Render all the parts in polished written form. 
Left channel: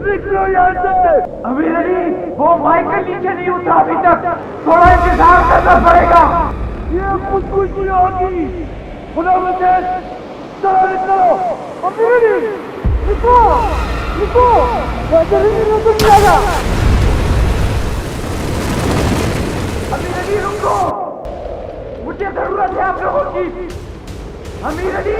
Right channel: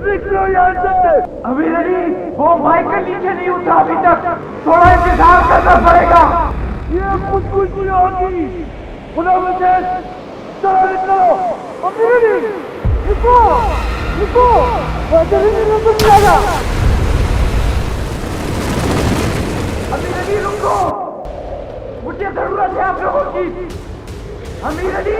निकलो यहाँ से। अमीर अली, वो माइकल नीचे नहीं उतरा अभी तक, थोड़ा इंतजार करना पड़ेगा। ये कुछ नहीं होगी। खुदा मुझे, चलो निकलो। अमीर अली, रुको, रुको, वैसे भी नहीं जाएगा। अमीर अली रुको, मुझे जरूरत है आप लोगों की। अमीर अली,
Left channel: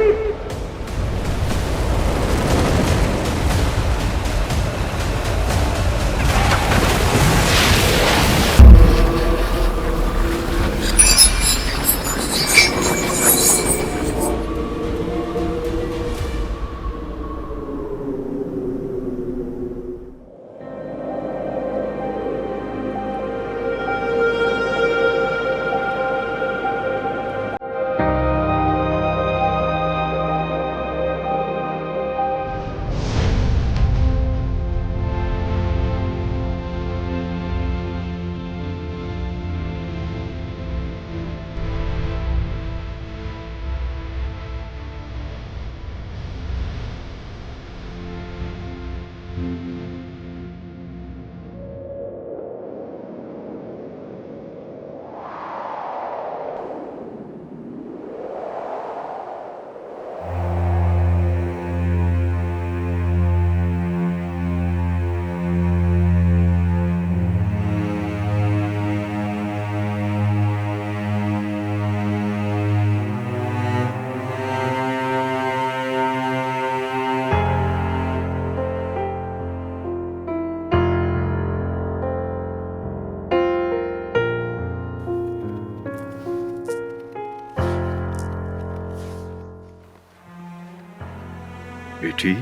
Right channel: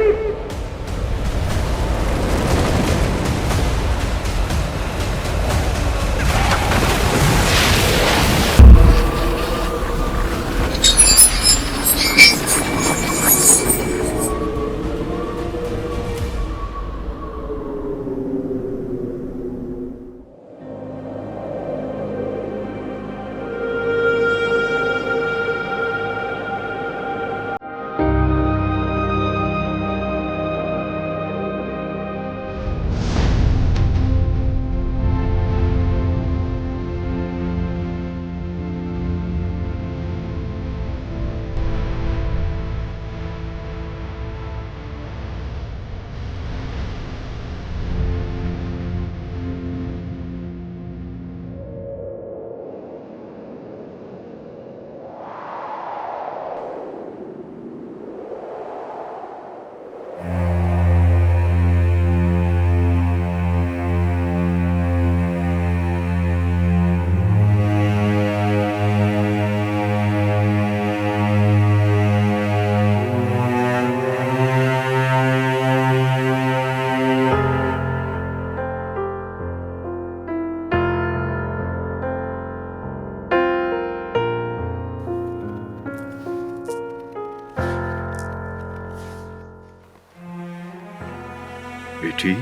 बेटी,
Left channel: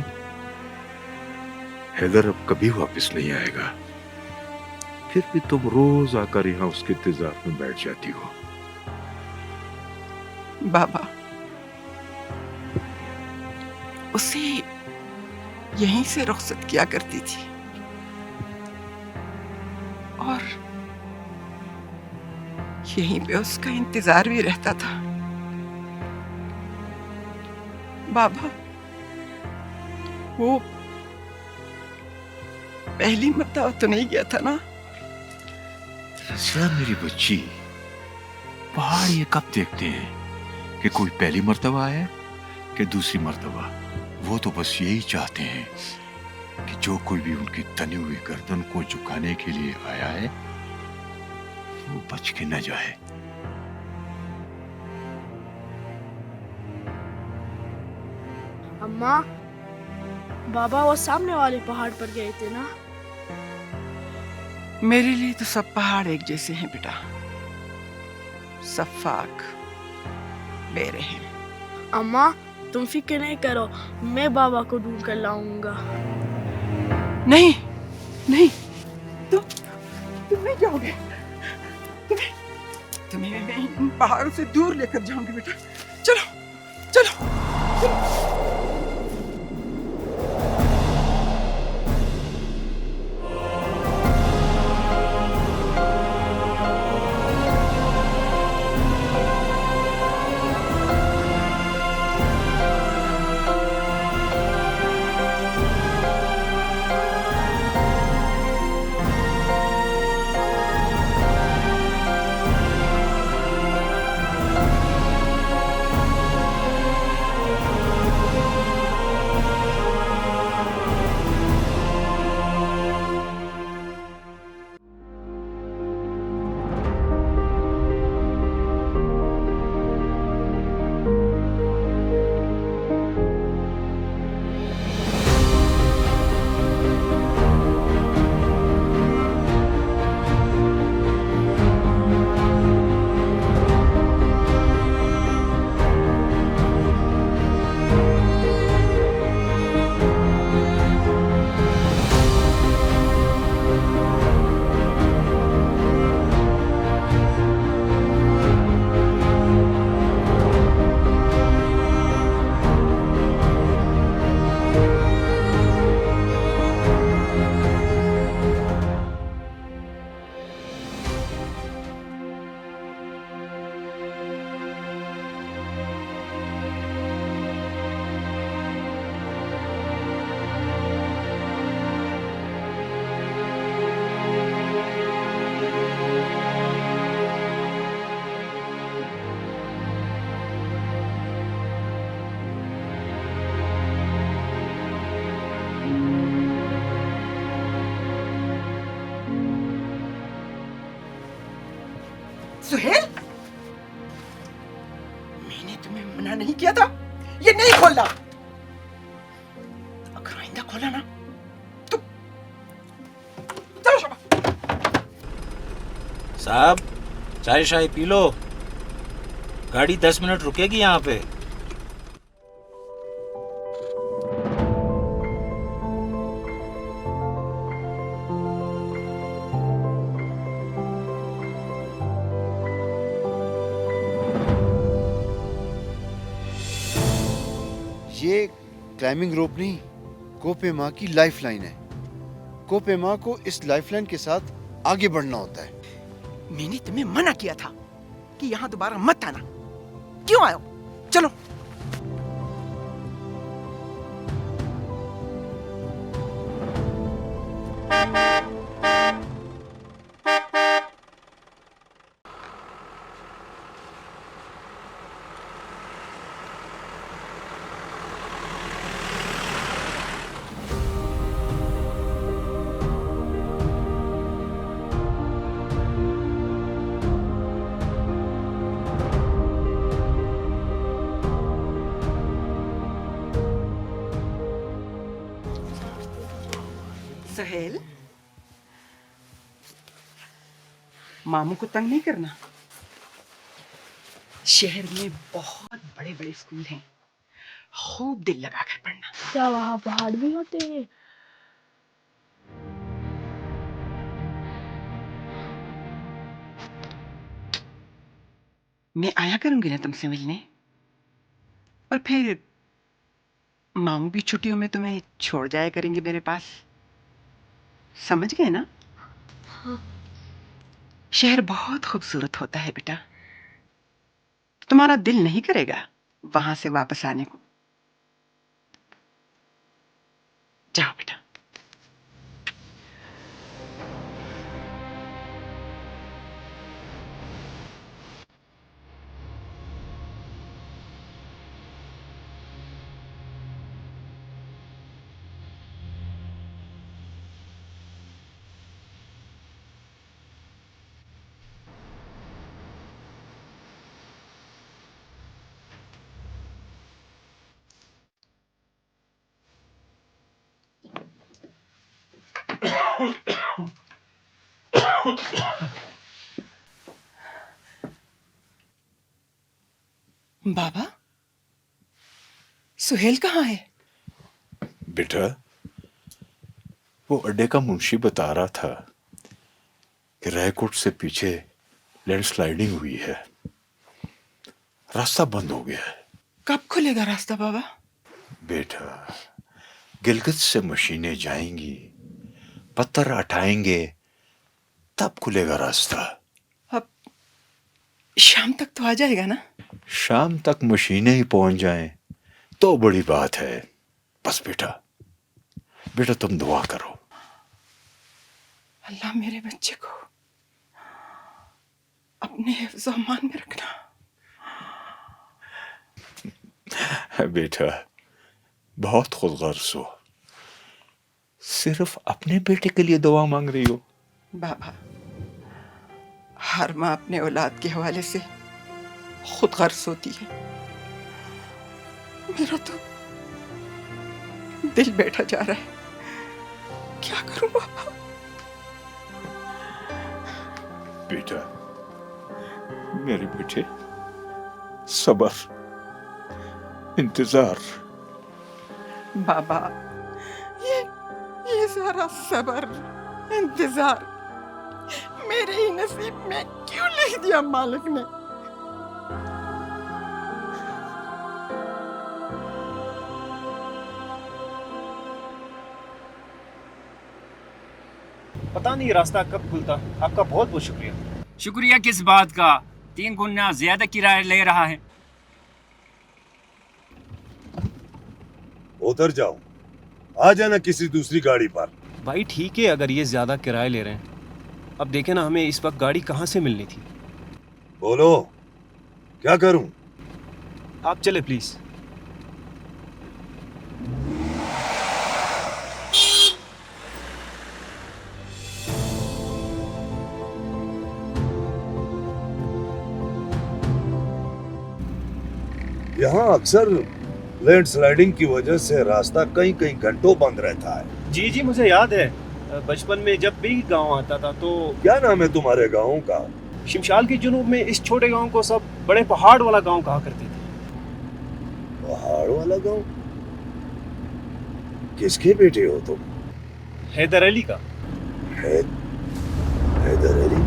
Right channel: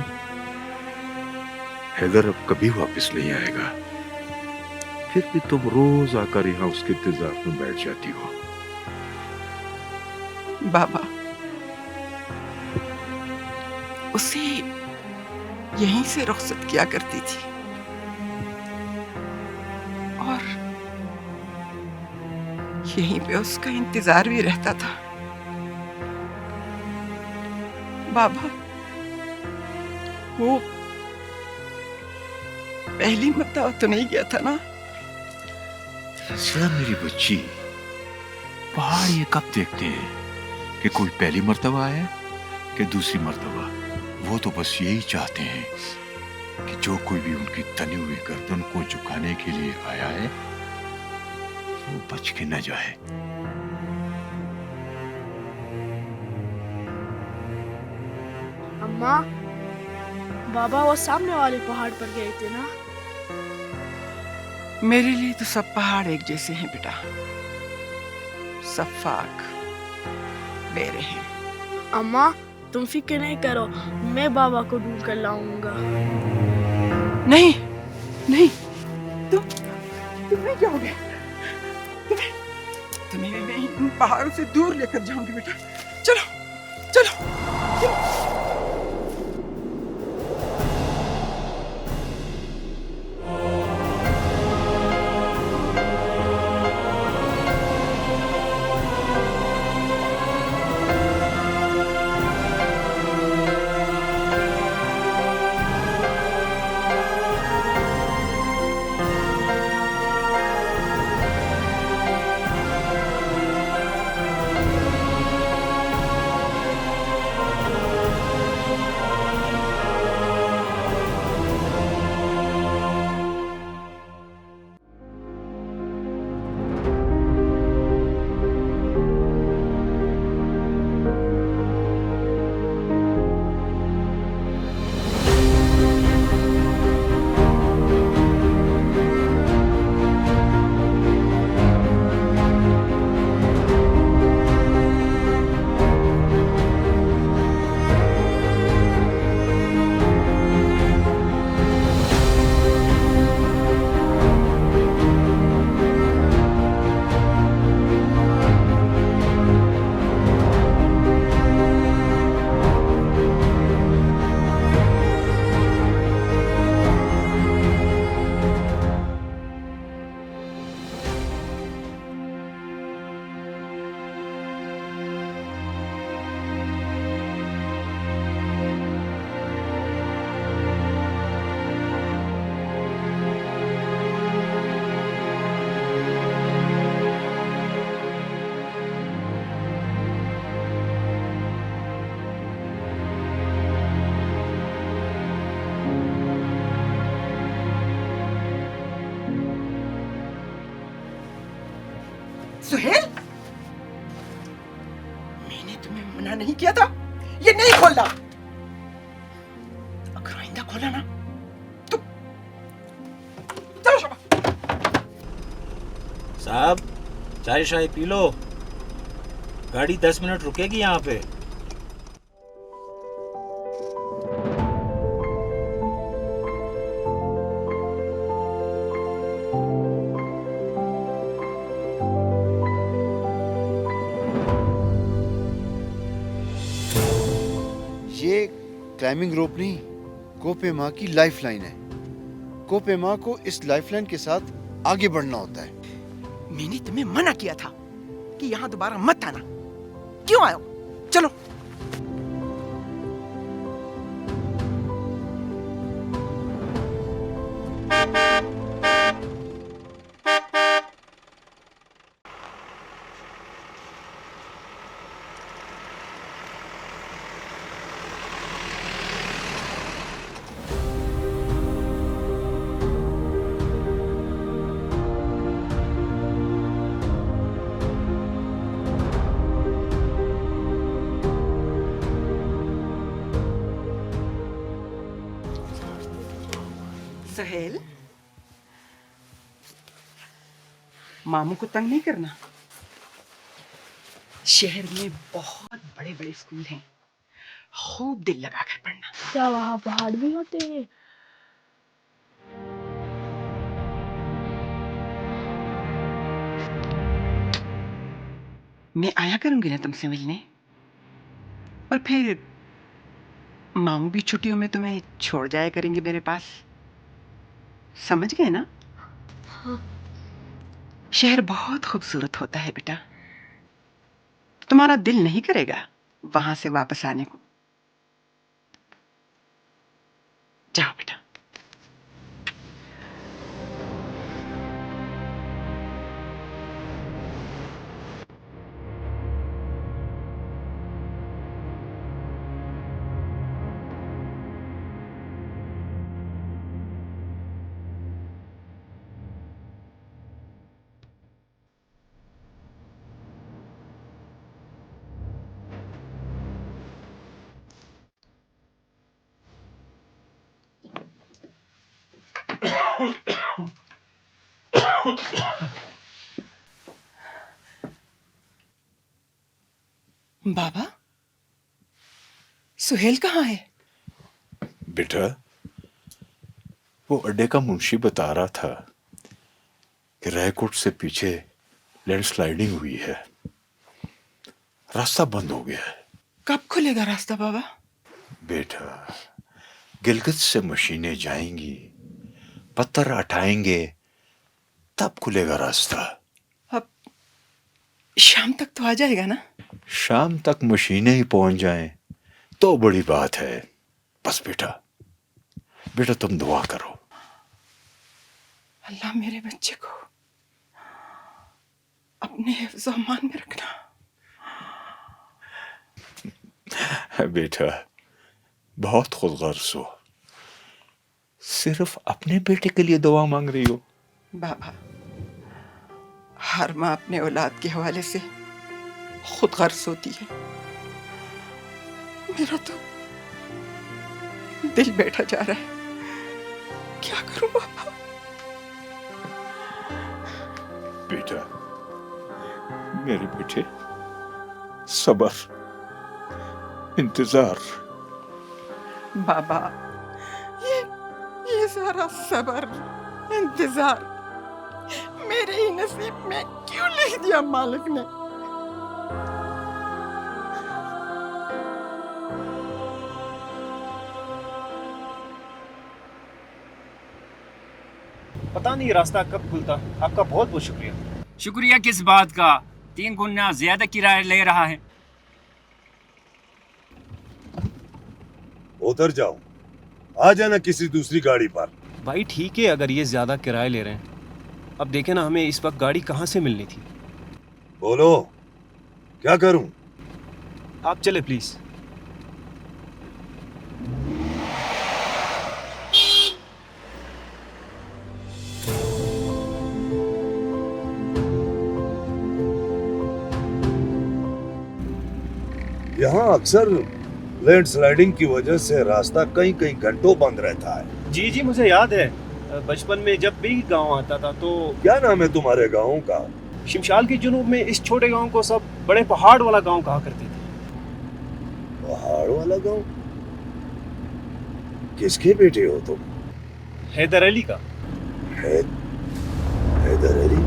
हैदर अब कभी वापस नहीं आएगा। फिर भी तुम रोज आकर यहाँ उसके इंतजार में बैठ जाती हो। बाबा, उसे यहीं से रुखसत किया करती थी और यहीं पे उसका इंतजार भी रहता था। बाबा, वो पहली मर्तबा तो नहीं गया था ना? रज़िया मेरी बच्ची, पहाड़ ये कब देखते हैं कि कोई पहली मर्तबा आया कि दूसरी मर्तबा। वो तो बस यही चाहते हैं कि जो कोई भी उनकी तनी हुई गर्दन को झुकाने के लिए आया है वो बच के न जाए। अम्मा, बाबा वो सामने वाले पहाड़ पर गए थे ना? मेरे लिए तो सब पहाड़ एक जैसे हैं बेटा, सफाक, बेरहम। अम्मा, तुम फिक्र नहीं करो, मैं बाबा को ढूंढ कर लाऊंगा। नहीं नहीं, तुम नहीं जाओगे। तुम्हें मैं इन पहाड़ों से दूर लेकर जाऊंगी बेटा। चलो चलो चलो। सुहेल, मैंने तुम्हें मना नहीं किया था, ये नहीं खोलना। अगर आइंदा खोला ना तो चलो शाबाश। साहब, चाय शाय पी लो, गाड़ी 10 मिनट रुकेगी यहाँ पे। ये क्लाइंबिंग रोप नहीं, कोपेमा की लाइफलाइन है। कोपेमा को इस लाइफलाइन के साथ आगे बढ़ना होता है। मैंने तुम्हें मना किया था कि यहाँ दोबारा मत आना, क्यों आए हो? चलो। सहेल, मामू को तंग नहीं करना। शहर में बहुत बड़े बड़े स्कूल हैं, खूब दिल लगा कर पढ़ना। क्या वहाँ पहाड़ भी होते हैं? मैं आया करूंगी ना तुमसे मिलने, और फिर मामू भी छुट्टियों में तुम्हें छोड़ जाया करेंगे मेरे पास। समझ गए ना? हाँ। शहर बहुत खूबसूरत होता है बेटा, तुम्हारा दिल नहीं करेगा वहां से वापस आने को। जाओ बेटा। बाबा, सुहेल कहाँ है? बेटा, वो अड्डे का मुंशी बता रहा था कि रायकोट से पीछे लैंडस्लाइडिंग हुई है, रास्ता बंद हो गया है। कब खुलेगा रास्ता बाबा? बेटा, गिलगित से मशीनें जाएंगी, पत्थर हटाएंगे, तब खुलेगा रास्ता। अब शाम तक तो आ जाएगा ना? शाम तक मशीनें ही पहुंच जाएं तो बड़ी बात है। बस बेटा, बेटा तुम दुआ करो। अल्लाह मेरे बच्चे को अपने हिफ्ज़ अमान में रखना। बेटा, बहुत खुदगर्ज हो, सिर्फ अपने बेटे के लिए दुआ मांग रही हो। बाबा, हर माँ अपने औलाद के हवाले से खुद गर्ज होती है। मेरा तो दिल बैठा जा रहा है, क्या करूं बाबा? बेटा, मेरे बेटे, सबर, इंतजार। बाबा, ये सारा सबर इंतजार मेरे ही नसीब में क्यों लिख दिया मालिक ने? पता नहीं रास्ता कब खुलता। आपका बहुत बहुत शुक्रिया। शुक्रिया किस बात का? 3 गुना ज्यादा किराया ले रहा है। उधर जाओ, आ जाना किसी दूसरी गाड़ी पर। भाई ठीक है, अगर ये ज्यादा किराया ले रहे हैं। अब देखे ना, हमें इस वक्त गाड़ी कहाँ से मिलनी थी। बोलो, क्या करूं? आप चले प्लीज। यहाँ अक्सर लैंडस्लाइडिंग की वजह से रास्ता कई कई घंटों बंद रहता है। जी जी मुझे याद है, बचपन में जब भी गांव आता था तो क्या नाम है तुम्हारे गाँव का? शिमशाल के जुनूब में इस छोटे गांव को सब बड़े पहाड़ वाला गांव कहा करते थे। पहाड़ वाला गाँव? किसके बेटे हो तुम? हैदर अली का। हैदर अली?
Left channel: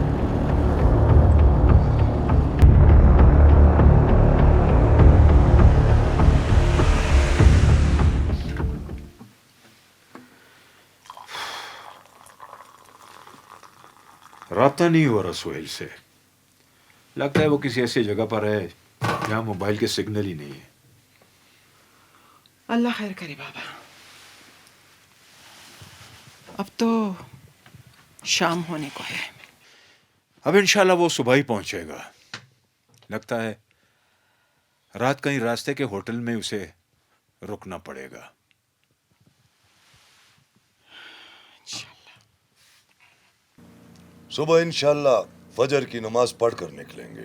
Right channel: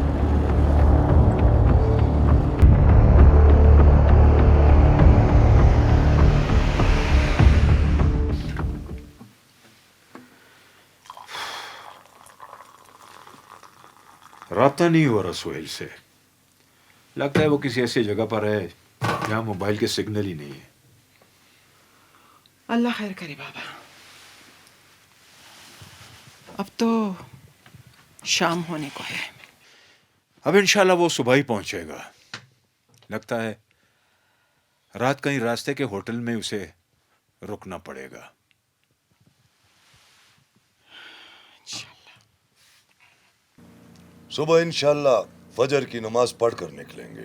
राब्ता नहीं हुआ रहा सोहेल से। लगता है वो किसी ऐसी जगह पर है जहां मोबाइल के सिग्नल ही नहीं है। अल्लाह खैर करे बाबा। अब तो शाम होने को है। अब इंशाल्लाह वो सुबह ही पहुंचेगा। लगता है रात कहीं रास्ते के होटल में उसे रुकना पड़ेगा। सुबह इंशाल्लाह फजर की नमाज पढ़कर निकलेंगे।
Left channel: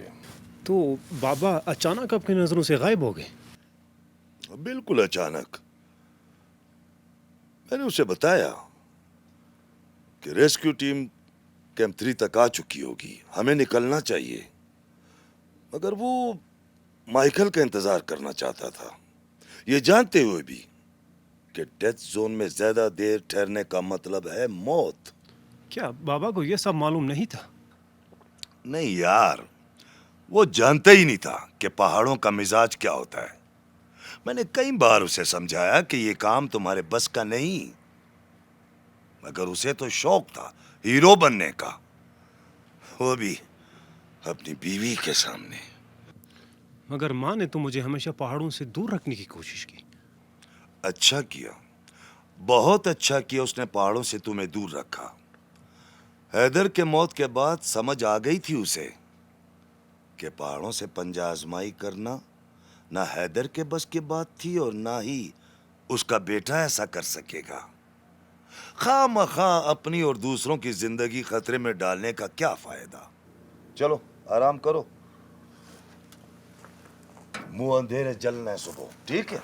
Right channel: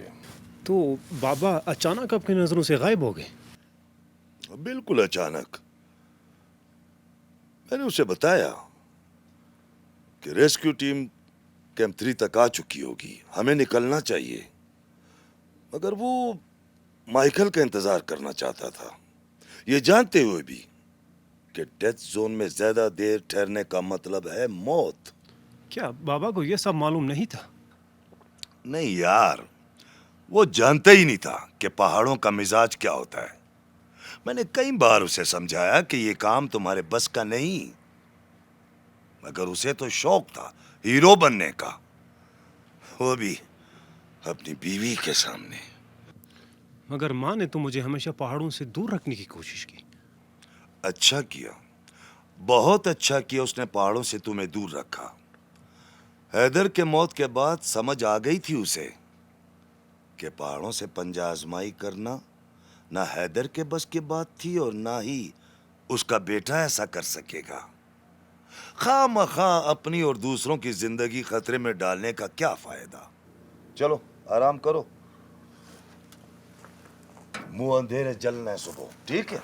तो बाबा अचानक आपकी नजरों से गायब हो गए? बिल्कुल अचानक। मैंने उसे बताया कि रेस्क्यू टीम कैंप 3 तक आ चुकी होगी, हमें निकलना चाहिए, मगर वो माइकल का इंतजार करना चाहता था, ये जानते हुए भी कि डेथ जोन में ज्यादा देर ठहरने का मतलब है मौत। क्या बाबा को यह सब मालूम नहीं था? नहीं यार, वो जानता ही नहीं था कि पहाड़ों का मिजाज क्या होता है। मैंने कई बार उसे समझाया कि ये काम तुम्हारे बस का नहीं, मगर उसे तो शौक था हीरो बनने का, वो भी अपनी बीवी के सामने। मगर माँ ने तो मुझे हमेशा पहाड़ों से दूर रखने की कोशिश की। अच्छा किया, बहुत अच्छा किया उसने पहाड़ों से तुम्हें दूर रखा। हैदर के मौत के बाद समझ आ गई थी उसे कि पहाड़ों से पंजा आजमाई करना ना हैदर के बस की बात थी और ना ही उसका बेटा ऐसा कर सकेगा। खामखा अपनी और दूसरों की जिंदगी खतरे में डालने का क्या फायदा। चलो आराम करो, मुंह अंधेरे जलना है सुबह, ठीक है?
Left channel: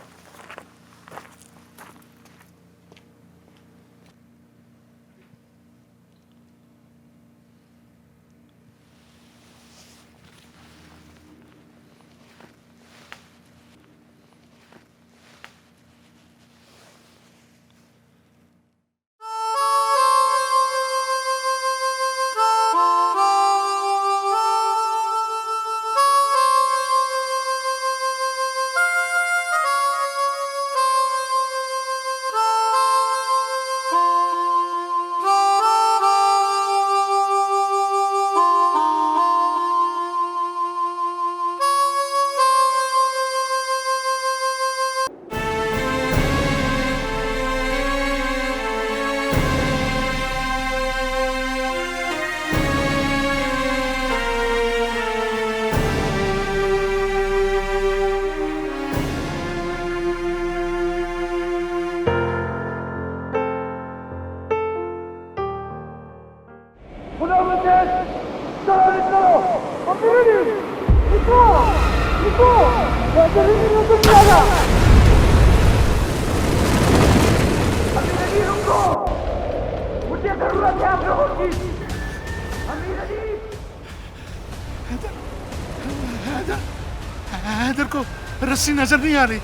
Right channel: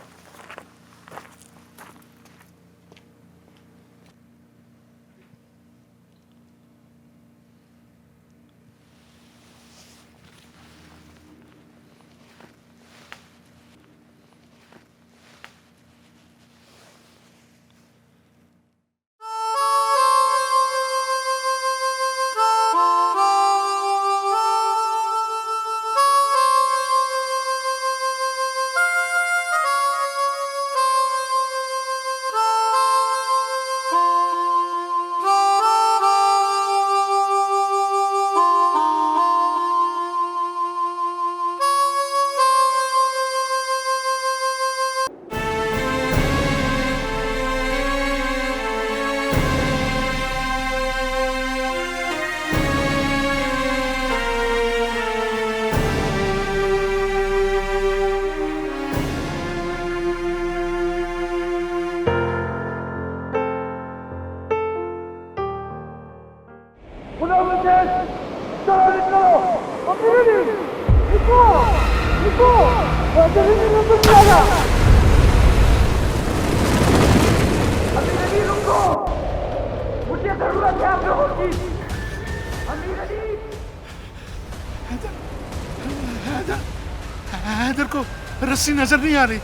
गुलाम हुसैन, चलो निकलो। अमीर अली, निकलो, निकलो, हैदर अली रुक जाएगा। अमीर अली रुको, मुझे जरूरत है आप लोगों की। अमीर अली, हैदर को रस्सी नजर नहीं आ रही।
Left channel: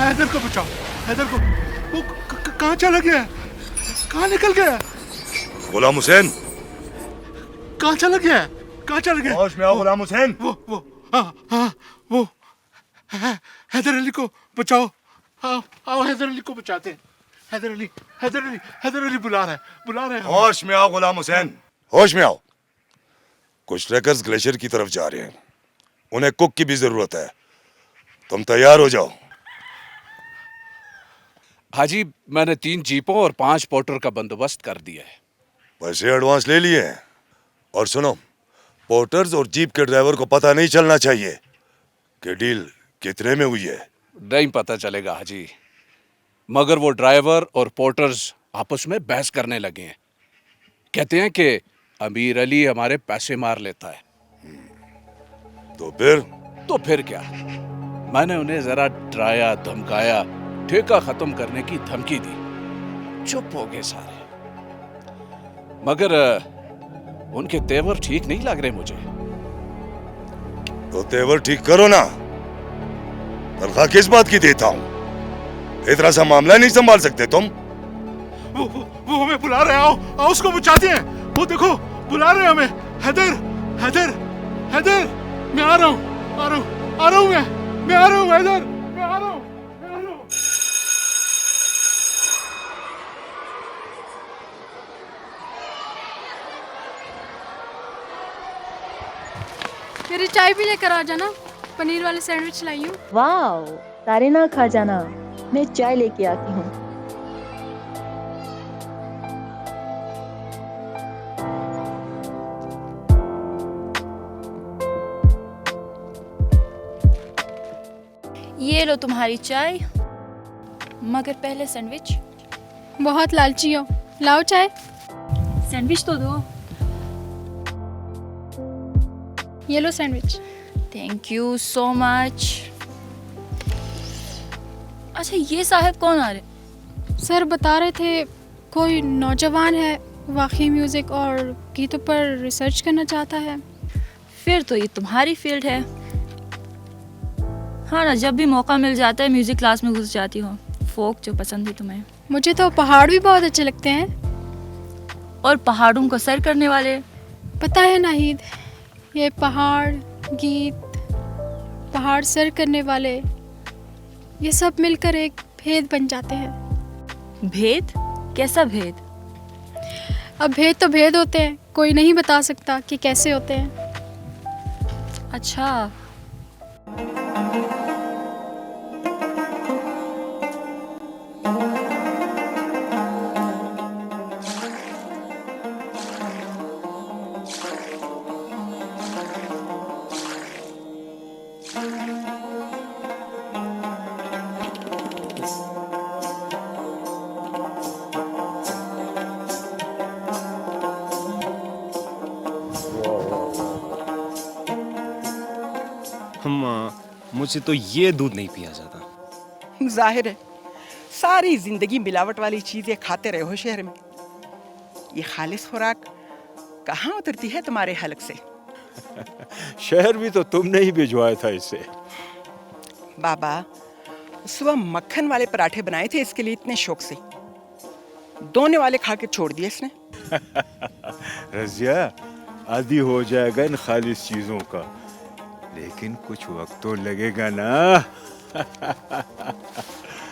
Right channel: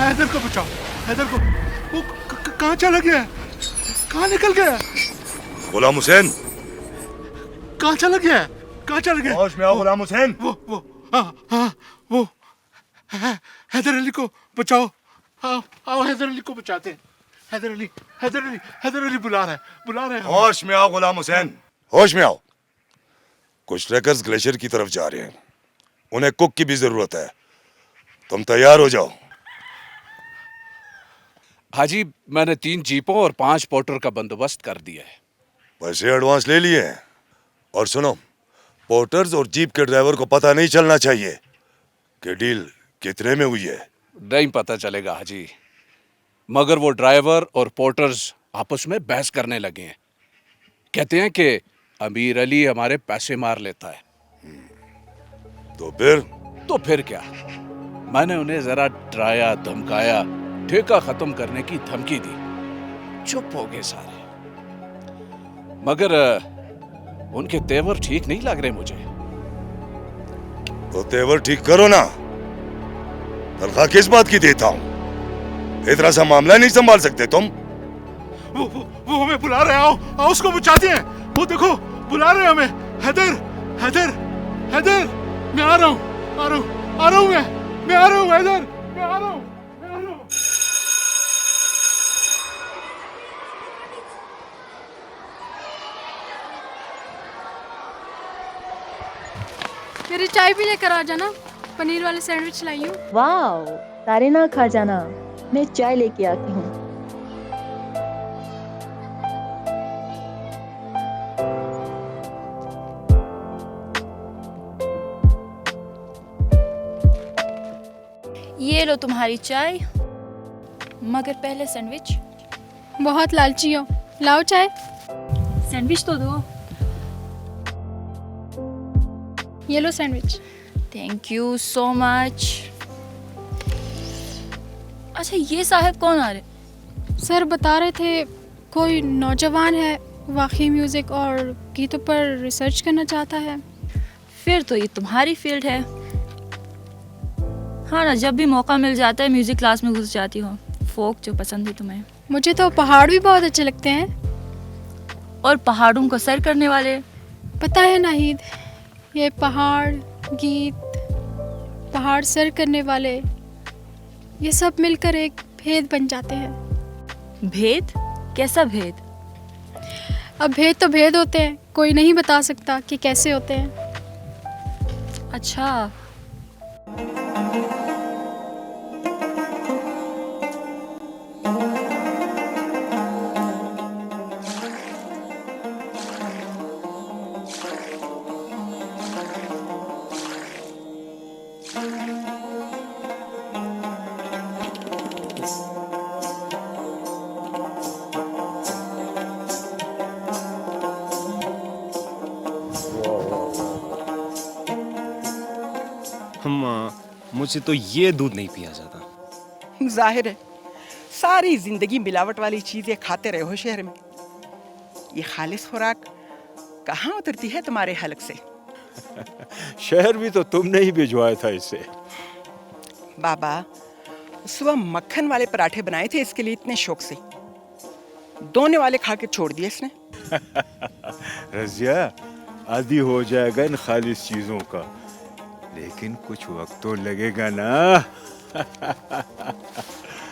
हैदर को बचाओ, हैदर को। वो कहाँ चला गया? कहाँ निकल गया? गुलाम हुसैन, कहाँ चला गया? कहाँ चला गया? होश में आओ गुलाम हुसैन। वो हाँ वो हैदर अली को बचाओ। आओ हैदर अली को बचाते हैं। हैदर अली बुला रहा है। होश में आओ गुलाम हुसैन, होश में आओ। कुछ ट्रैकर्स ग्लेशियर की तरफ जा रहे हैं, उन्हें कुक की भी जरूरत है, तुम तैयार हो जाओ। हाजी, मैंने 3 जीपों और 5 पोर्टर का बंदोबस्त कर दिया है। पैसे एडवांस ले लिए हैं। और सुनो, पोर्टर्स और जीप के ड्राइवर को पता नहीं चलना चाहिए कि डील कितने में हुई है। नहीं पता चलेगा हाजी, मगर वो ड्राइवर और पोर्टर्स आपस में बहस करने लगे हैं। कहते हैं कि अमीर अली हमारे पैसे मार लेता है। तो फिर क्या? मैंने उन्हें जरा डराया, धमकाया, ठेका खत्म करने की धमकी दी। चुप हो गए सारे। मगर उनके तेवर ठीक नहीं लग रहे मुझे। तो तेवर ठीक करो ना। तनख्वाह किस बात की देता हूं? इतना सा मामला नहीं संभाल सकते तुम? वो हमें बुला रहे हैं। आओ आओ, उसको बचाते हैं। वो देखो बुला रहे हैं हमें। हैदर हैदर हैदर, मैं आ रहा हूँ, आ रहा हूँ, आ रहा हूँ, मैं आ रहा हूँ हैदर, मैं आ रहा हूँ, मैं आ रहा हूँ। मेरी चाय भी लेकर आ जाना, पनीर वाले सैंडविच लाई हूँ। वाह, सारे ना खा जाना, मैं चाय लेके आती हूँ। ये लो तुम्हारी चाय, मगर पहले सैंडविच। बहुत लालची हो, लाओ चाय। सैंडविच तो दो। ये लो sandwich. Thank you so much. अच्छा, ये साहब कौन आ रहे? सर बता रहे थे कोई नौजवान है, वाकई म्यूजिक और गीतों पर रिसर्च करना चाहता है। फिर तो ये तुम्हारी फील्ड है। हाँ ना, जब भी मौका मिल जाता है म्यूजिक क्लास में घुस जाती हो। फोक जो पसंद है तुम्हें। मुझे तो पहाड़ भी बहुत अच्छे लगते हैं। और पहाड़ों को सर करने वाले। पता है नाहिद, ये पहाड़, गीत, पहाड़ सर करने वाले, ये सब मिलकर एक भेद बन जाते हैं। भेद? कैसा भेद? अब भेद तो भेद होते हैं, कोई नहीं बता सकता कि कैसे होते हैं। अच्छा। मुझसे तो ये दूध नहीं पिया जाता। जाहिर है, सारी जिंदगी मिलावट वाली चीजें खाते रहे हो शहर में। ये खालिस खुराक कहाँ उतरती है तुम्हारे हलक से? शहर भी तो तुमने ही भिजवाया था इसे। बाबा, सुबह मक्खन वाले पराठे बनाए थे इसके लिए इतने शौक से, दोने वाले खा के छोड़ दिए इसने। रजिया, आदी हो जाएगा इन खालिस चीजों का, लेकिन कुछ वक्त तो लगेगा ना।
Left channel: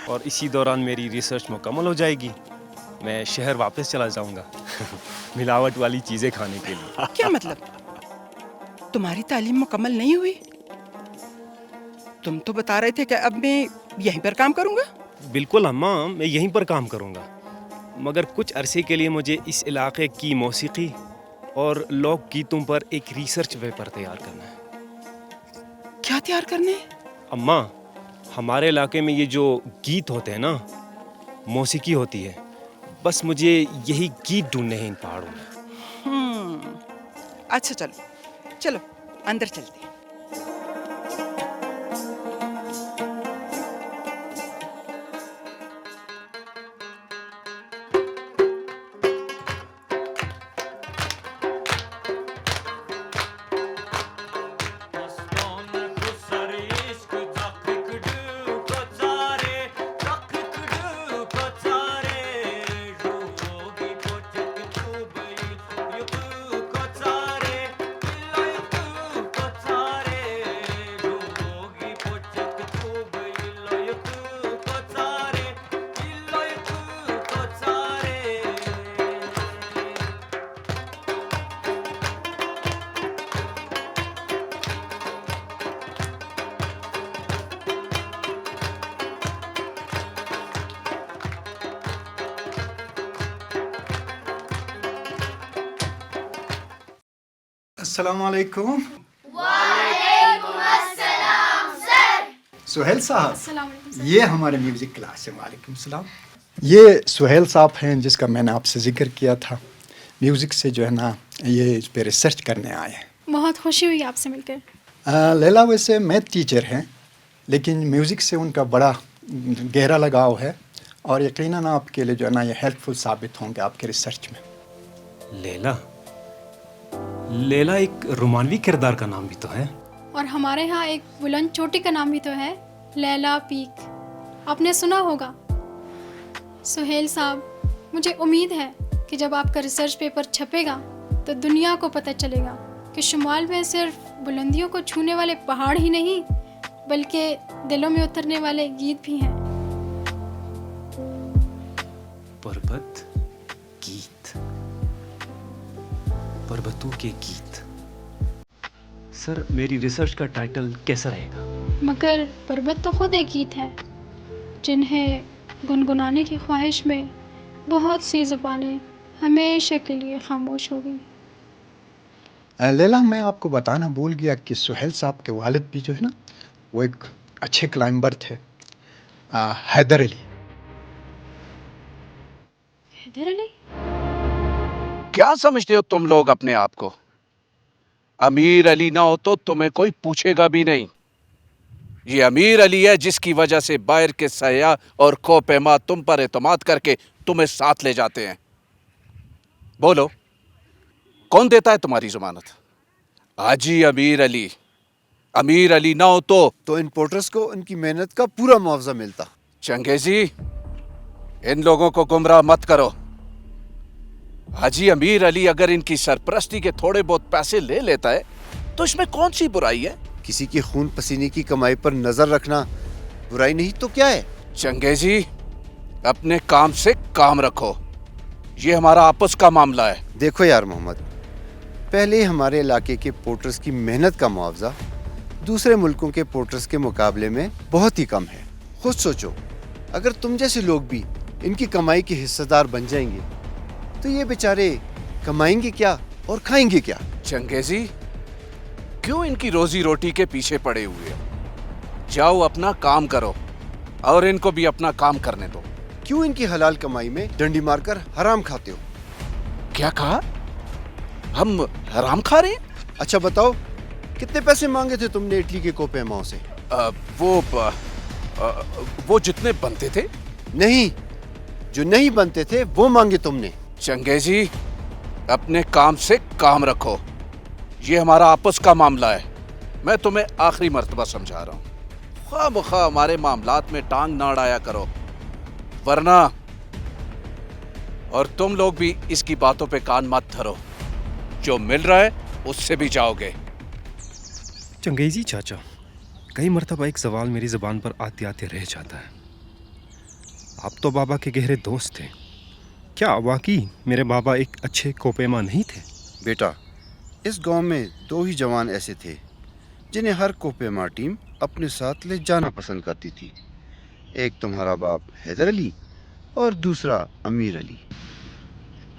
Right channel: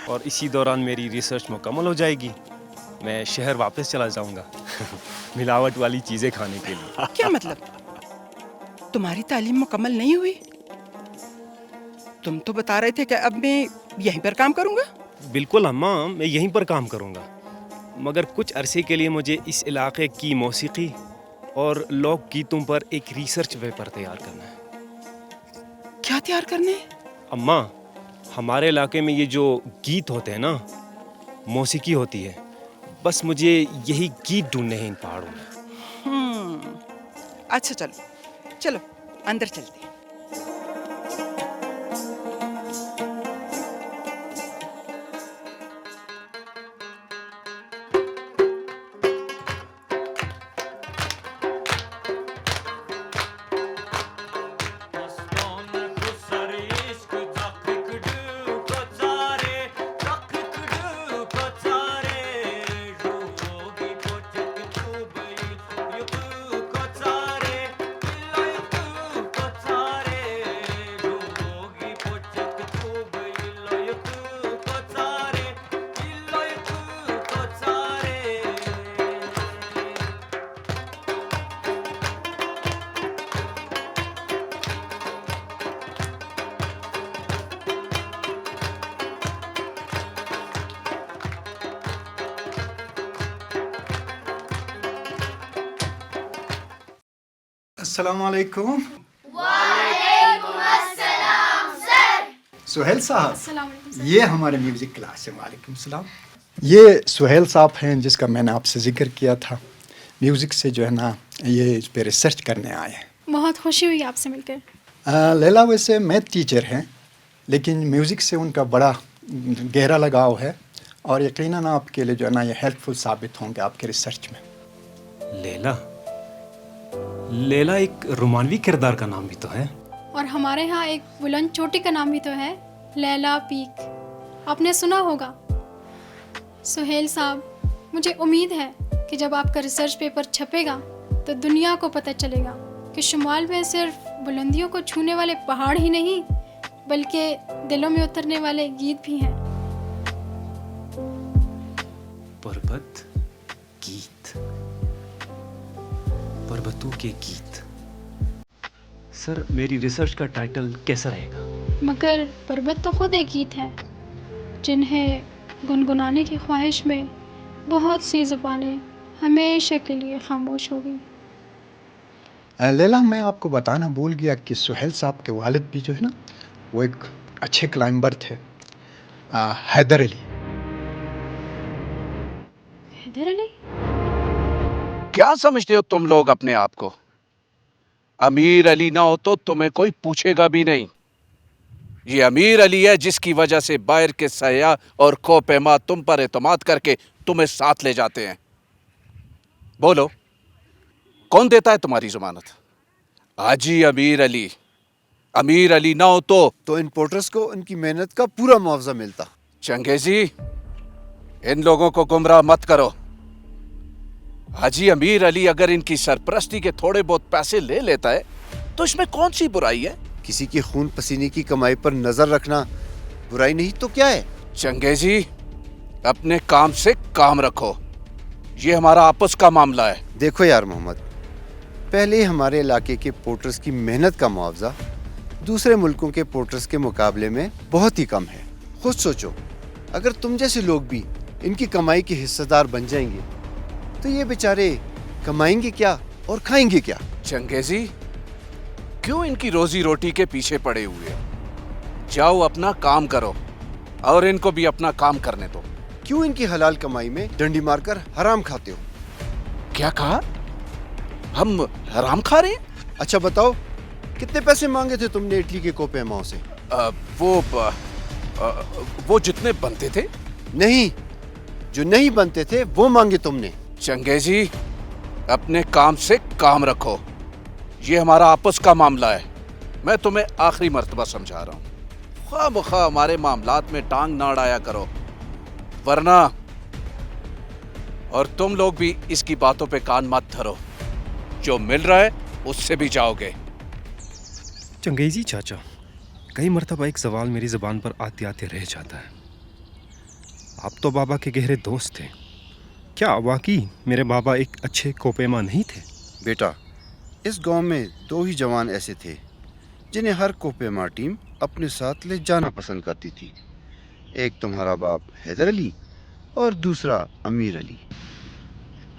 और इसी दौरान मेरी रिसर्च मुकम्मल हो जाएगी। मैं शहर वापस चला जाऊंगा मिलावट वाली चीजें खाने के लिए। क्या मतलब? तुम्हारी तालीम मुकम्मल नहीं हुई? तुम तो बता रहे थे कि अब मैं यहीं पर काम करूंगा। बिल्कुल अम्मा, मैं यहीं पर काम करूंगा, मगर कुछ अरसे के लिए मुझे इस इलाके की मौसीकी और लोक गीतों पर एक रिसर्च पेपर तैयार करना है। क्या तैयार करने? अम्मा, हमारे इलाके में ये जो गीत होते हैं ना, मौसीकी होती है, बस मुझे यही गीत ढूंढने हैं इन पहाड़ों में। अच्छा चलो चलो अंदर चलते हैं। अस्सलामुअलैकुम। वालेकुम अस्सलाम सर। सुहेल साहब, ये हमारे म्यूजिक क्लास है। वालेकुम सलाम। ये सुहेल साहब हैं जिसका मैंने आपसे जिक्र किया था। म्यूजिक से जो है ना, ये इस पे रिसर्च करने आए हैं। बहुत खुशी हुई आपसे मिलकर। लैला वैसे मैथ टीचर हैं लेकिन म्यूज़िक से उनका बड़ा गहरा लगाव है और यकीनन आपके लिए जो है ना ये हेल्पफुल साबित होंगे आपके रिसर्च में। लैला, लैला एक रोमानवी किरदार का नाम भी तो है। और हमारे यहाँ एक बुलंद चोटी का नाम भी तो है, लैला पीक। आपने सुना होगा। सुहेल साहब, मुझे उम्मीद है कि जब आपका रिसर्च पेपर छपेगा तो दुनिया को पता चलेगा कि शुमाल में सिर्फ बुलंदियों को छूने वाले पहाड़ ही नहीं बल्कि दिलों में उतरने वाले गीत भी हैं। पर्वत गीत, पर्वतों के गीत। सर, मेरी रिसर्च का टाइटल कैसा रहेगा? मगर पर्वत तो खुद एक गीत है जिन्हें गुनगुनाने की ख्वाहिश में बहुत सी ज़ुबानें हमेशा के लिए खामोश हो गई। लैला, मैं आपको बताना भूल गया कि सुहेल साहब के वालिद भी जो है ना वो एक अच्छे क्लाइंबर थे, हैदर अली। हैदर अली? क्या समझते हो तुम लोग अपने आप को? अमीर अली ना हो तो तुम्हें कोई पूछेगा भी नहीं। ये अमीर अली है जिसकी वजह से बाहर के सयाह और कोपेमा तुम पर एतमाद करके तुम्हें साथ ले जाते हैं। बोलो, कौन देता है तुम्हारी जमानत? हाजी अमीर अली। अमीर अली ना हो तो इन पोर्टर्स को उनकी मेहनत का पूरा मुआवजा मिलता। चंगेजी, इन लोगों को गुमराह मत करो। हाजी अमीर अली अगर इनकी सरपरस्ती के थोड़े बहुत पैसे ले लेता है तो इसमें कौन सी बुराई है? किसी की खून पसीने की कमाई पर नजर रखना बुराई नहीं तो क्या है? चंगेजी, अपने काम से काम रखो। ये हमारा आपस का मामला है। देखो यार मोहम्मद, पहले हमारे इलाके के पोर्टर्स की मेहनत का मुआवजा दूसरे मुल्कों के पोर्टर्स के मुकाबले में बहुत ही कम है। खुद सोचो, अगर तुम जैसे लोग भी इनकी कमाई के हिस्सेदार बन जाएंगे तो ये बेचारे कमाएंगे क्या और खाएंगे क्या? चंगेजी, क्यों इनकी रोजी रोटी के पीछे पड़े हुए हो? जाओ अपना काम करो और इनको भी अपना काम करने दो। क्यों इनकी हलाल कमाई में डंडी मारकर हराम खाते हो? क्या कहा? हम हराम खा रहे हैं? अच्छा बताओ, कितने पैसे मांगे थे तुमने इटली के कोपेमाओं से? वो जितने बनते थे। नहीं, जो नहीं बनते थे वो मांगे तुमने। चंगेजी, अपने काम से काम रखो। ये हमारा आपस का मामला है। मैं तुम्हें आखिरी मर्तबा समझा रहा हूँ। खामखा हमारे मामलात में टांग ना अड़ाया करो, वरना और तुम लोग भी इसकी बातों पे कान मत धरो। जो मिल रहा है उससे भी जाओगे। चंगेजी चाचा, कई मर्तबा एक सवाल मेरी ज़बान पर आते आते रह जाता है। आप तो बाबा के गहरे दोस्त थे, क्या वाकई मेरे बाबा एक अच्छे कोपेमा नहीं थे? बेटा, इस गांव में दो ही जवान ऐसे थे जिन्हें हर कोपेमा टीम अपने साथ ले जाना पसंद करती थी। एक तुम्हारा बाप हैदर अली और दूसरा अमीर अली।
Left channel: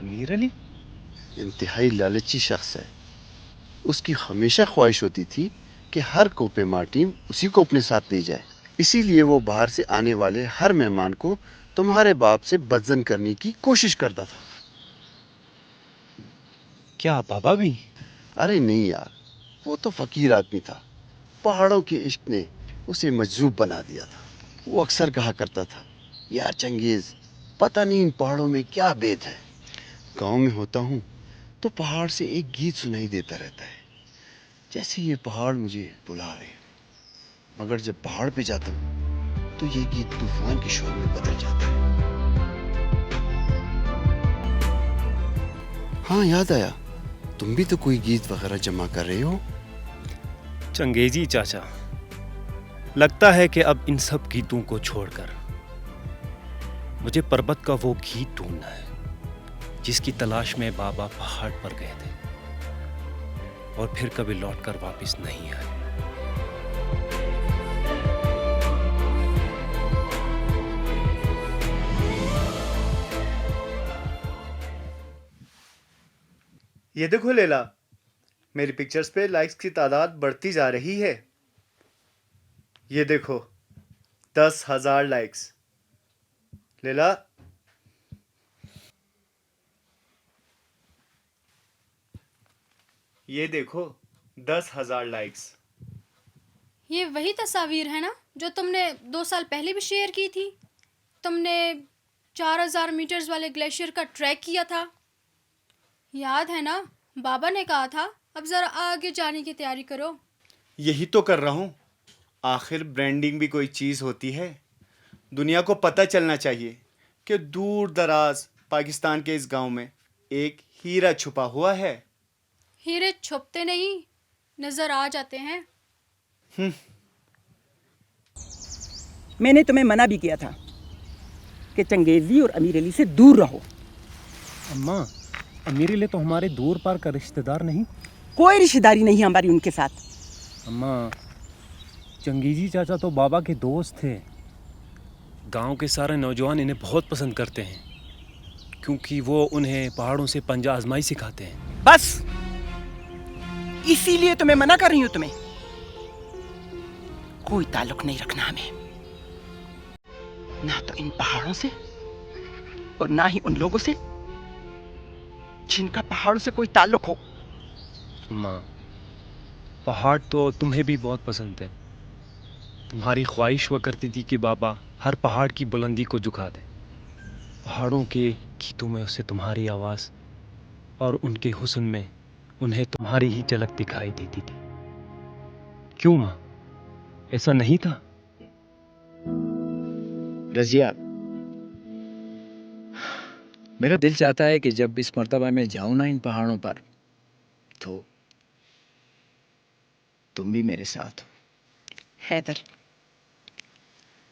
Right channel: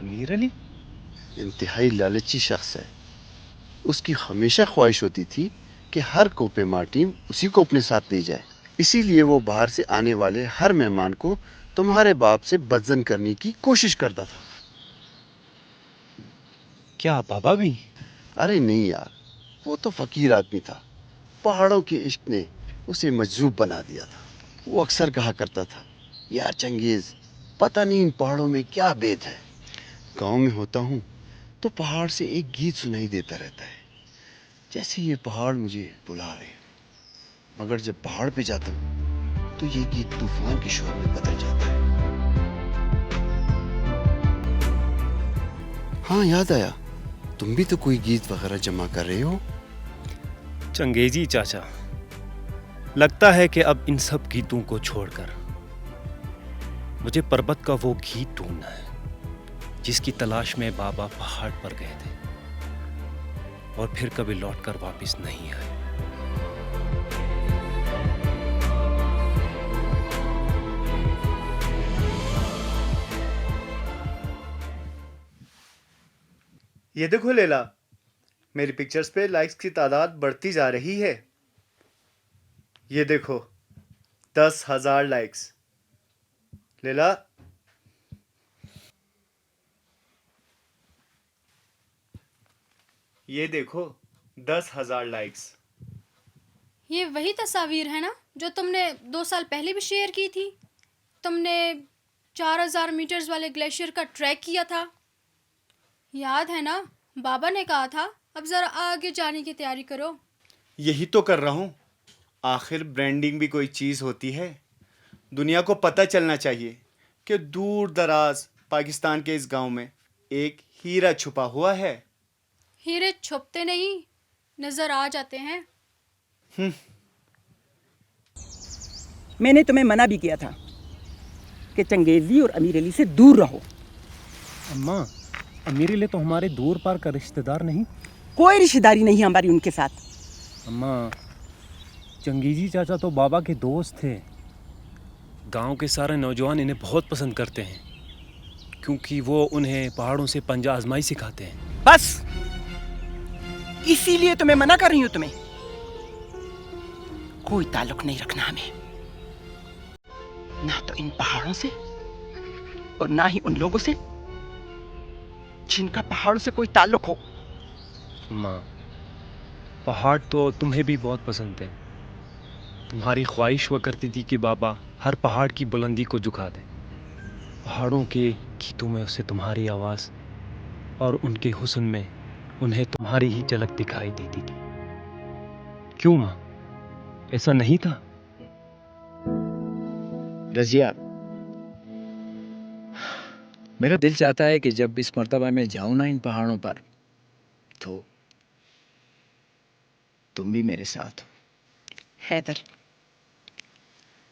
अमीर अली इंतहाई लालची शख्स है। उसकी हमेशा ख्वाहिश होती थी कि हर कोपेमा टीम उसी को अपने साथ ले जाए। इसीलिए वो बाहर से आने वाले हर मेहमान को तुम्हारे बाप से बदजन करने की कोशिश करता था। क्या बाबा भी? अरे नहीं यार, वो तो फकीर आदमी था। पहाड़ों के इश्क ने उसे मजजूब बना दिया था। वो अक्सर कहा करता था, यार चंगेज, पता नहीं इन पहाड़ों में क्या भेद है। गांव में होता हूँ तो पहाड़ से एक गीत सुनाई देता रहता है, जैसे ये पहाड़ मुझे बुला रहे। मगर जब पहाड़ पे जाता हूँ तो ये गीत तूफान के शोर में बदल जाता है। हाँ, याद आया, तुम भी तो कोई गीत वगैरह जमा कर रहे हो। चंगेजी चाचा, लगता है कि अब इन सब गीतों को छोड़कर मुझे पर्वत का वो गीत ढूंढना है जिसकी तलाश में बाबा पहाड़ पर गए थे और फिर कभी लौटकर वापस नहीं आए। ये देखो लैला, मेरी पिक्चर्स पे लाइक्स की तादाद बढ़ती जा रही है। ये देखो, 10,000 लाइक्स। लैला, ये देखो, 10,000 लाइक्स। ये वही तस्वीर है ना जो तुमने 2 साल पहले भी शेयर की थी। तुमने 4000 मीटर्स वाले ग्लेशियर का ट्रैक किया था, याद है ना? बाबा ने कहा था अब ज़रा आगे जाने की तैयारी करो। यही तो कर रहा हूँ। आखिर ब्रांडिंग भी कोई चीज़ होती है। दुनिया को पता चलना चाहिए कि दूर दराज पाकिस्तान के इस गांव में एक हीरा छुपा हुआ है। हीरे छुपते नहीं, नज़र आ जाते हैं। मैंने तुम्हें मना भी किया था कि चंगेजी और अमीर अली से दूर रहो। अम्मा, अमीर अली तो हमारे दूर पार का रिश्तेदार नहीं। कोई रिश्तेदारी नहीं है हमारी उनके साथ। अम्मा, चंगेजी चाचा तो बाबा के दोस्त थे। गांव के सारे नौजवान इन्हें बहुत पसंद करते हैं क्योंकि वो उन्हें पहाड़ों से पंजा आजमाई सिखाते हैं। बस इसीलिए तो मैं मना कर रही हूं तुम्हें। कोई ताल्लुक नहीं रखना हमें, ना तो इन पहाड़ों से और ना ही उन लोगों से जिनका पहाड़ों से कोई ताल्लुक हो। माँ, पहाड़ तो तुम्हें भी बहुत पसंद है। तुम्हारी ख्वाहिश हुआ करती थी कि बाबा हर पहाड़ की बुलंदी को झुका दे। पहाड़ों के गीतों में उसे तुम्हारी आवाज़ और उनके हुस्न में उन्हें तुम्हारी ही झलक दिखाई देती थी। क्यों माँ, ऐसा नहीं था? रजिया, मेरा दिल चाहता है कि जब इस मर्तबा मैं जाऊं ना इन पहाड़ों पर, तो तुम भी मेरे साथ हो। हैदर,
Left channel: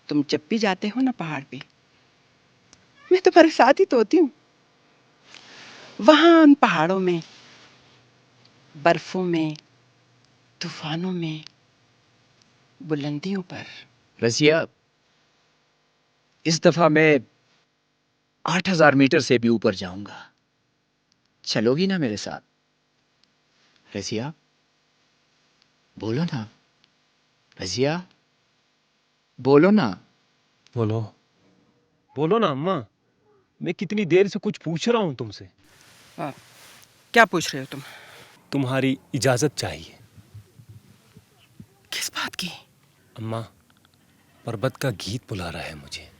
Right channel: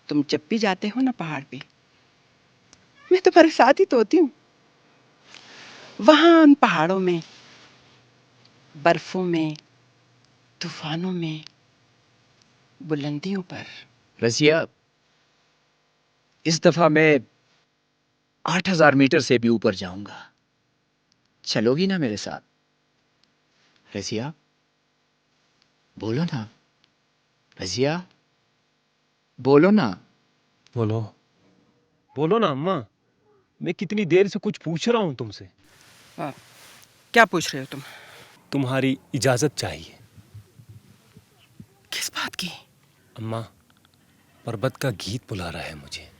तुम जब भी जाते हो ना पहाड़ पे, मैं तुम्हारे साथ ही तो होती हूँ। वहां उन पहाड़ों में, बर्फों में, तूफानों में, बुलंदियों पर। रजिया, इस दफा मैं 8000 मीटर से भी ऊपर जाऊंगा। चलोगी ना मेरे साथ? रजिया, बोलो ना। रजिया, बोलो ना। बोलो, बोलो ना अम्मा। मैं कितनी देर से कुछ पूछ रहा हूँ तुमसे। क्या पूछ रहे हो तुम? तुम्हारी इजाजत चाहिए। किस बात की? अम्मा, पर्वत का गीत बुला रहा है मुझे।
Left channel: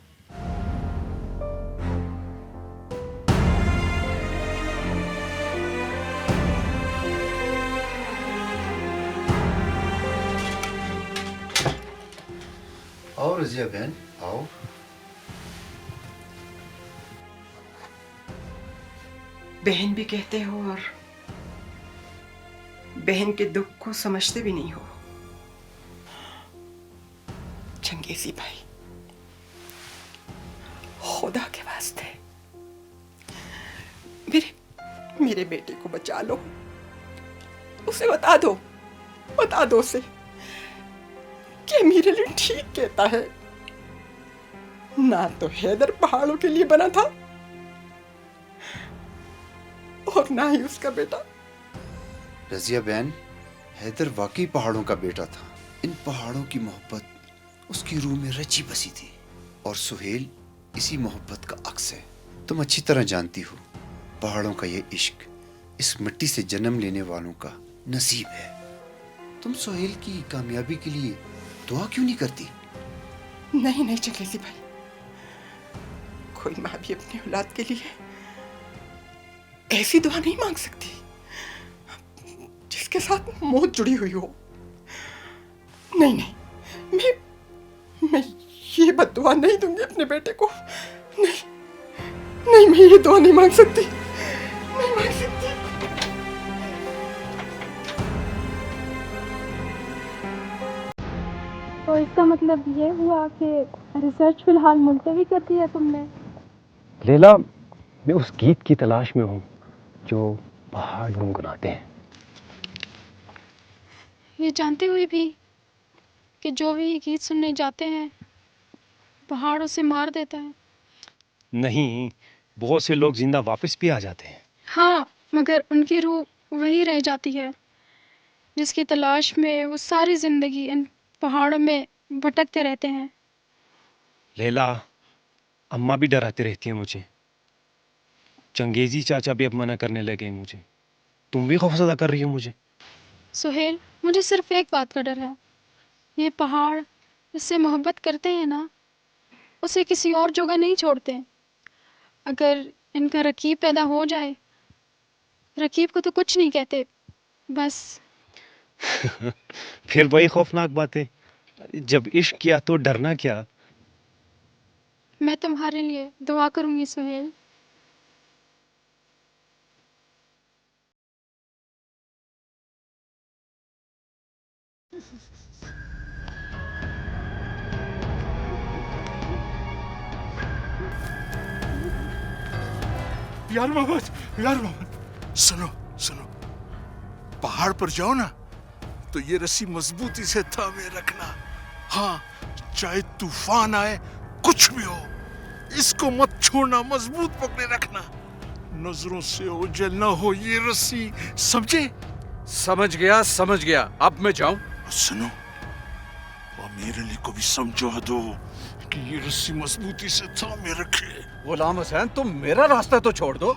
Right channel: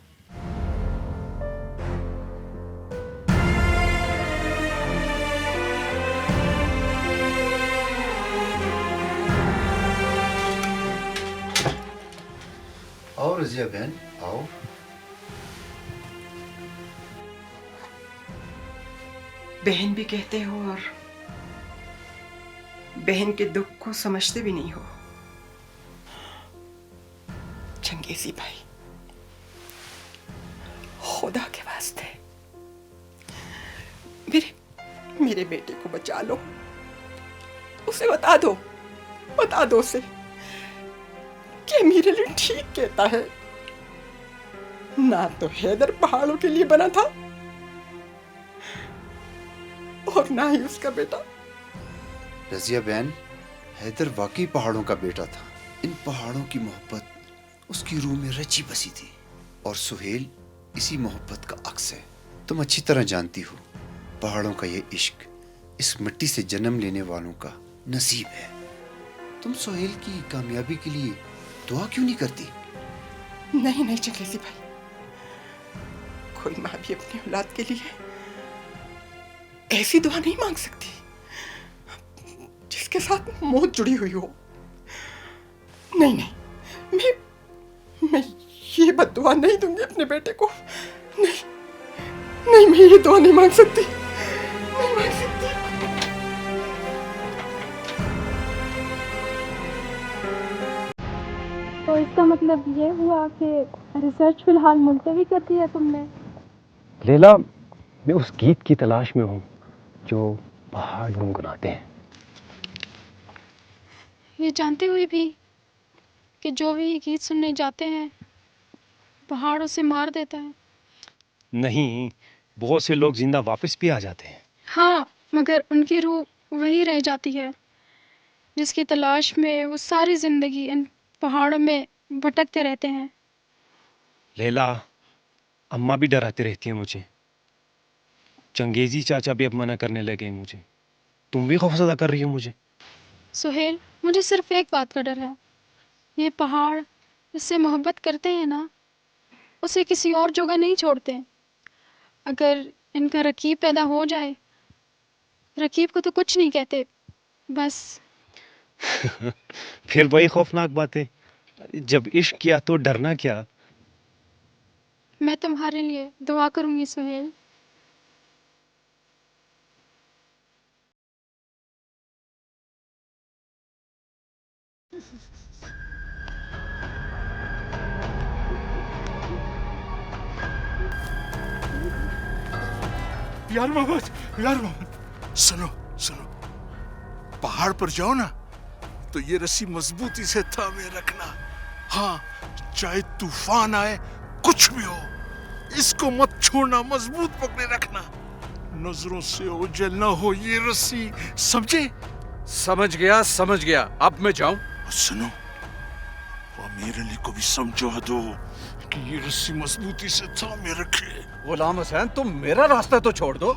आओ रजिया बहन, आओ। बहन भी कहते हो और बहन के दुख को समझते भी नहीं हो। चंगेजी भाई, खुदा के वास्ते मेरे बेटे को बचा लो। उसे बता दो उसे कि मेरे लिए ठीक कहता है। ना तो हैदर पहाड़ों के लिए बना था और ना ही उसका बेटा। रजिया बहन, हैदर वाकई पहाड़ों का बेटा था। इन पहाड़ों की मोहब्बत उसकी रूह में रची बसी थी और सुहेल इसी मोहब्बत का अक्स है। तुम अच्छी तरह जानती हो, पहाड़ों का ये इश्क इस मिट्टी से जन्म लेने वालों का नसीब है। तुम सुहेल की कामयाबी के लिए दुआ क्यों नहीं करती? नहीं चंगेजी भाई, कोई माँ भी अपनी औलाद के लिए ऐसी दुआ नहीं मांग सकती जिसके साथ मौत जुड़ी हुई हो। नहीं, मैं ये बद्दुआ नहीं दूंगी अपने बेटे को। नहीं, मैं ये दुआ नहीं मांग सकती। तो इसका मतलब ये हुआ कि रिसर्च फिलहाल मुलतवी कर दी है तुमने? लैला, मैं उस गीत की तलाश में हूँ जो पहाड़ गुनगुनाते हैं। ये जानते हुए भी कि जो भी ये गीत सुनने जाते हैं पहाड़ों से मार देता है। नहीं, बहुत से लोग जिंदा वापस भी आ जाते हैं। हाँ, मगर उनकी रूह वही रह जाती है जिसकी तलाश में वो सारी जिंदगी इन पहाड़ों में भटकते रहते हैं। लैला, अम्मा भी डराती रहती है मुझे। चंगेजी चाचा भी अब मना करने लगे मुझे। तुम भी खौफजदा कर रही हो मुझे। सुहेल, मुझे सिर्फ एक बात का डर है। ये पहाड़ जिससे मोहब्बत करते हैं ना, उसे किसी और जगह नहीं छोड़ते। अगर इनका रकीब पैदा हो जाए, रकीब को तो कुछ नहीं कहते, बस। फिर वही खौफनाक बातें। जब इश्क किया तो डरना क्या? मैं तुम्हारे लिए दुआ करूंगी सुहेल। यार मोहम्मद, सुनो सुनो, पहाड़ पर जाओ ना तो ये रस्सी मजबूती से थामे रखना। हाँ, चाहे तूफान आए, कुछ भी हो, इसको मत छोड़ना, मजबूत पकड़े रखना। नजरों से ओझल ना हो ये रस्सी, समझे? समझ गया। अब मैं जाऊं? सुनो, अमीर अली को भी समझा दो कि ये रस्सी मजबूती से थामे रखे। गुलाम हुसैन, तुम मेरा रास्ता तो छोड़ दो।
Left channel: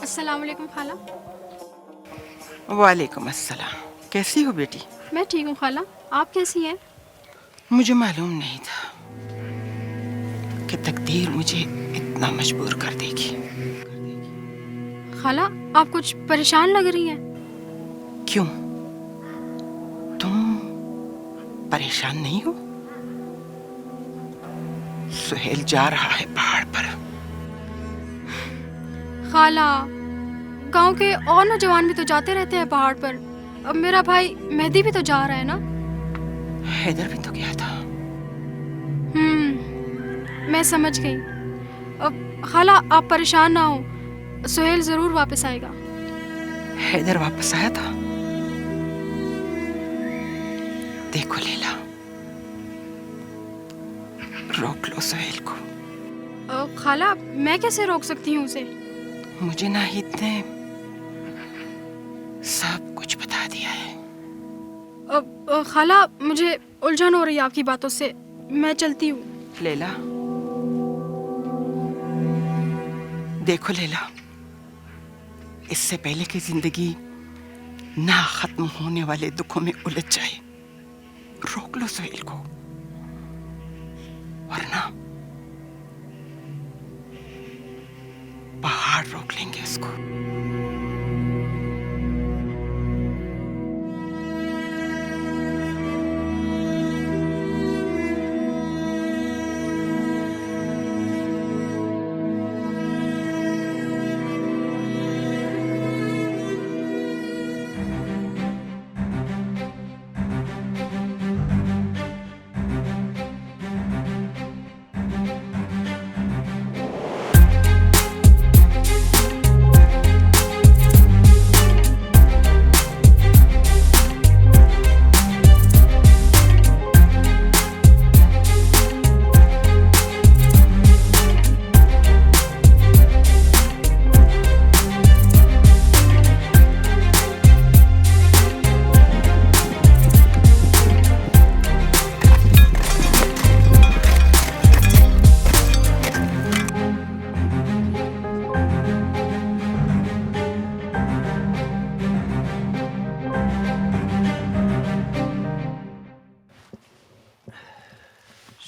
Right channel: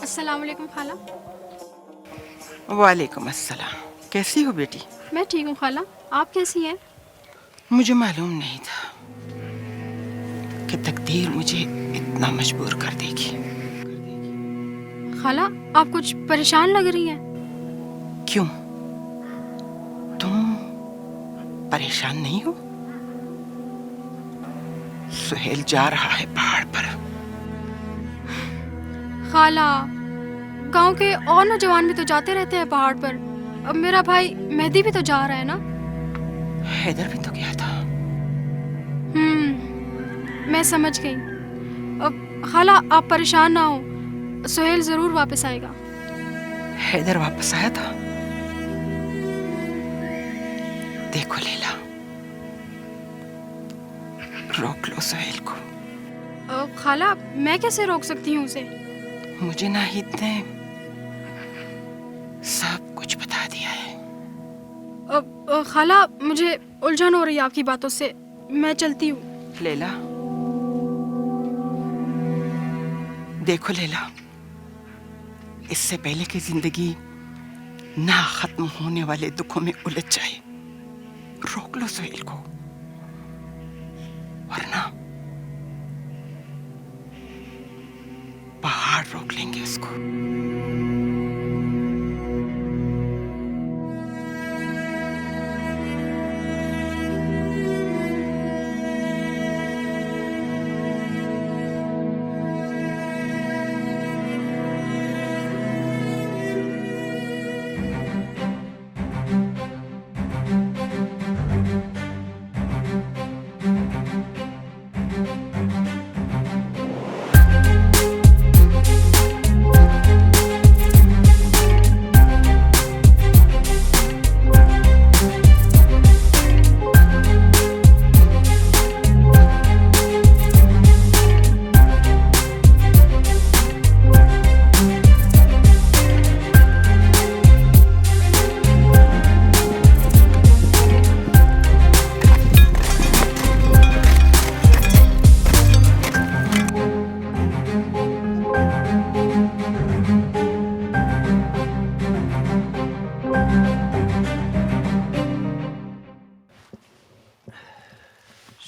अस्सलाम वालेकुम खाला। वालेकुम अस्सलाम। कैसी हो बेटी? मैं ठीक हूँ खाला, आप कैसी हैं? मुझे मालूम नहीं था कि तकदीर मुझे इतना मजबूर कर देगी। खाला, आप कुछ परेशान लग रही हैं। क्यों? तुम परेशान नहीं हो? सुहेल जा रहा है पहाड़ पर। खाला, गांव के और नौजवान भी तो जाते रहते हैं पहाड़ पर। अब मेरा भाई मेहदी भी तो जा रहा है ना। हैदर भी तो गया था। मैं समझ गई। अब खाला, आप परेशान ना हो, सुहेल जरूर वापस आएगा। हैदर वापस आया था? देखो लैला, रोक लो सुहेल को। खाला, मैं कैसे रोक सकती हूँ उसे? मुझे नाहिद ने सब कुछ बता दिया है। खाला, मुझे उलझन हो रही है आपकी बातों से, मैं चलती हूँ। लैला, देखो लैला, इससे पहले कि जिंदगी ना खत्म होने वाले दुखों में उलझ जाए, रोक लो सुहेल को, वरना पहाड़ रोक लेंगे उसको।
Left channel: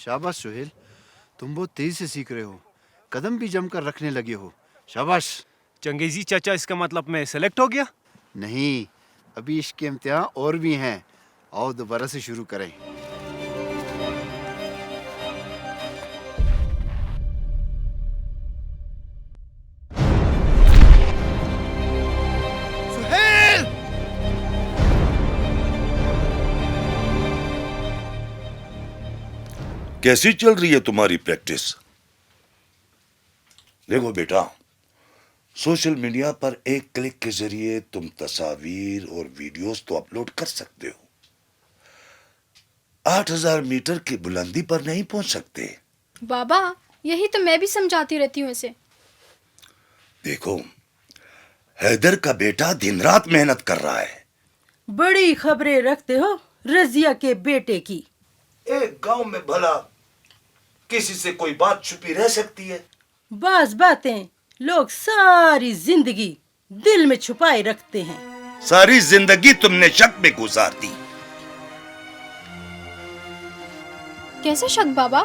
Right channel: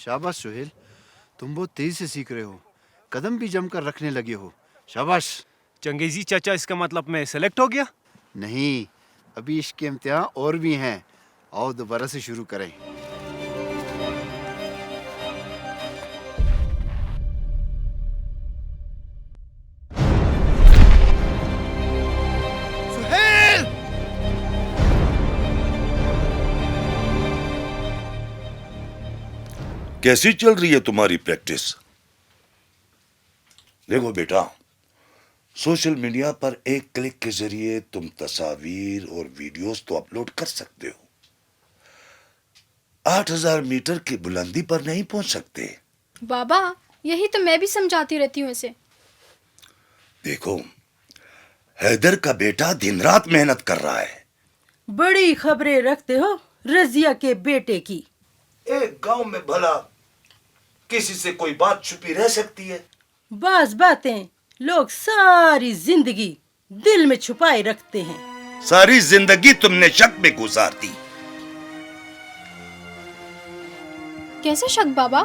शाबाश सुहेल, तुम बहुत तेजी से सीख रहे हो, कदम भी जमकर रखने लगे हो। शाबाश। चंगेजी चाचा, इसका मतलब मैं सेलेक्ट हो गया? नहीं, अभी इसके इम्तिहान और भी हैं। आओ दोबारा से शुरू करें। सुहेल! कैसी चल रही है तुम्हारी प्रैक्टिस? देखो बेटा, सोशल मीडिया पर एक क्लिक के जरिए तुम तस्वीर और वीडियोस तो अपलोड कर सकते हो। 8,000 मीटर की बुलंदी पर नहीं पहुंच सकते। बाबा यही तो मैं भी समझाती रहती हूँ इसे। देखो, हैदर का बेटा दिन रात मेहनत कर रहा है। बड़ी खबरें रखते हो रजिया के बेटे की। एक गांव में भला किसी से कोई बात छुपी रह सकती है? बास बातें लोग सारी जिंदगी दिल में छुपाए रखते हैं। सारी जिंदगी तुमने शक में गुजार दी। कैसे शक बाबा?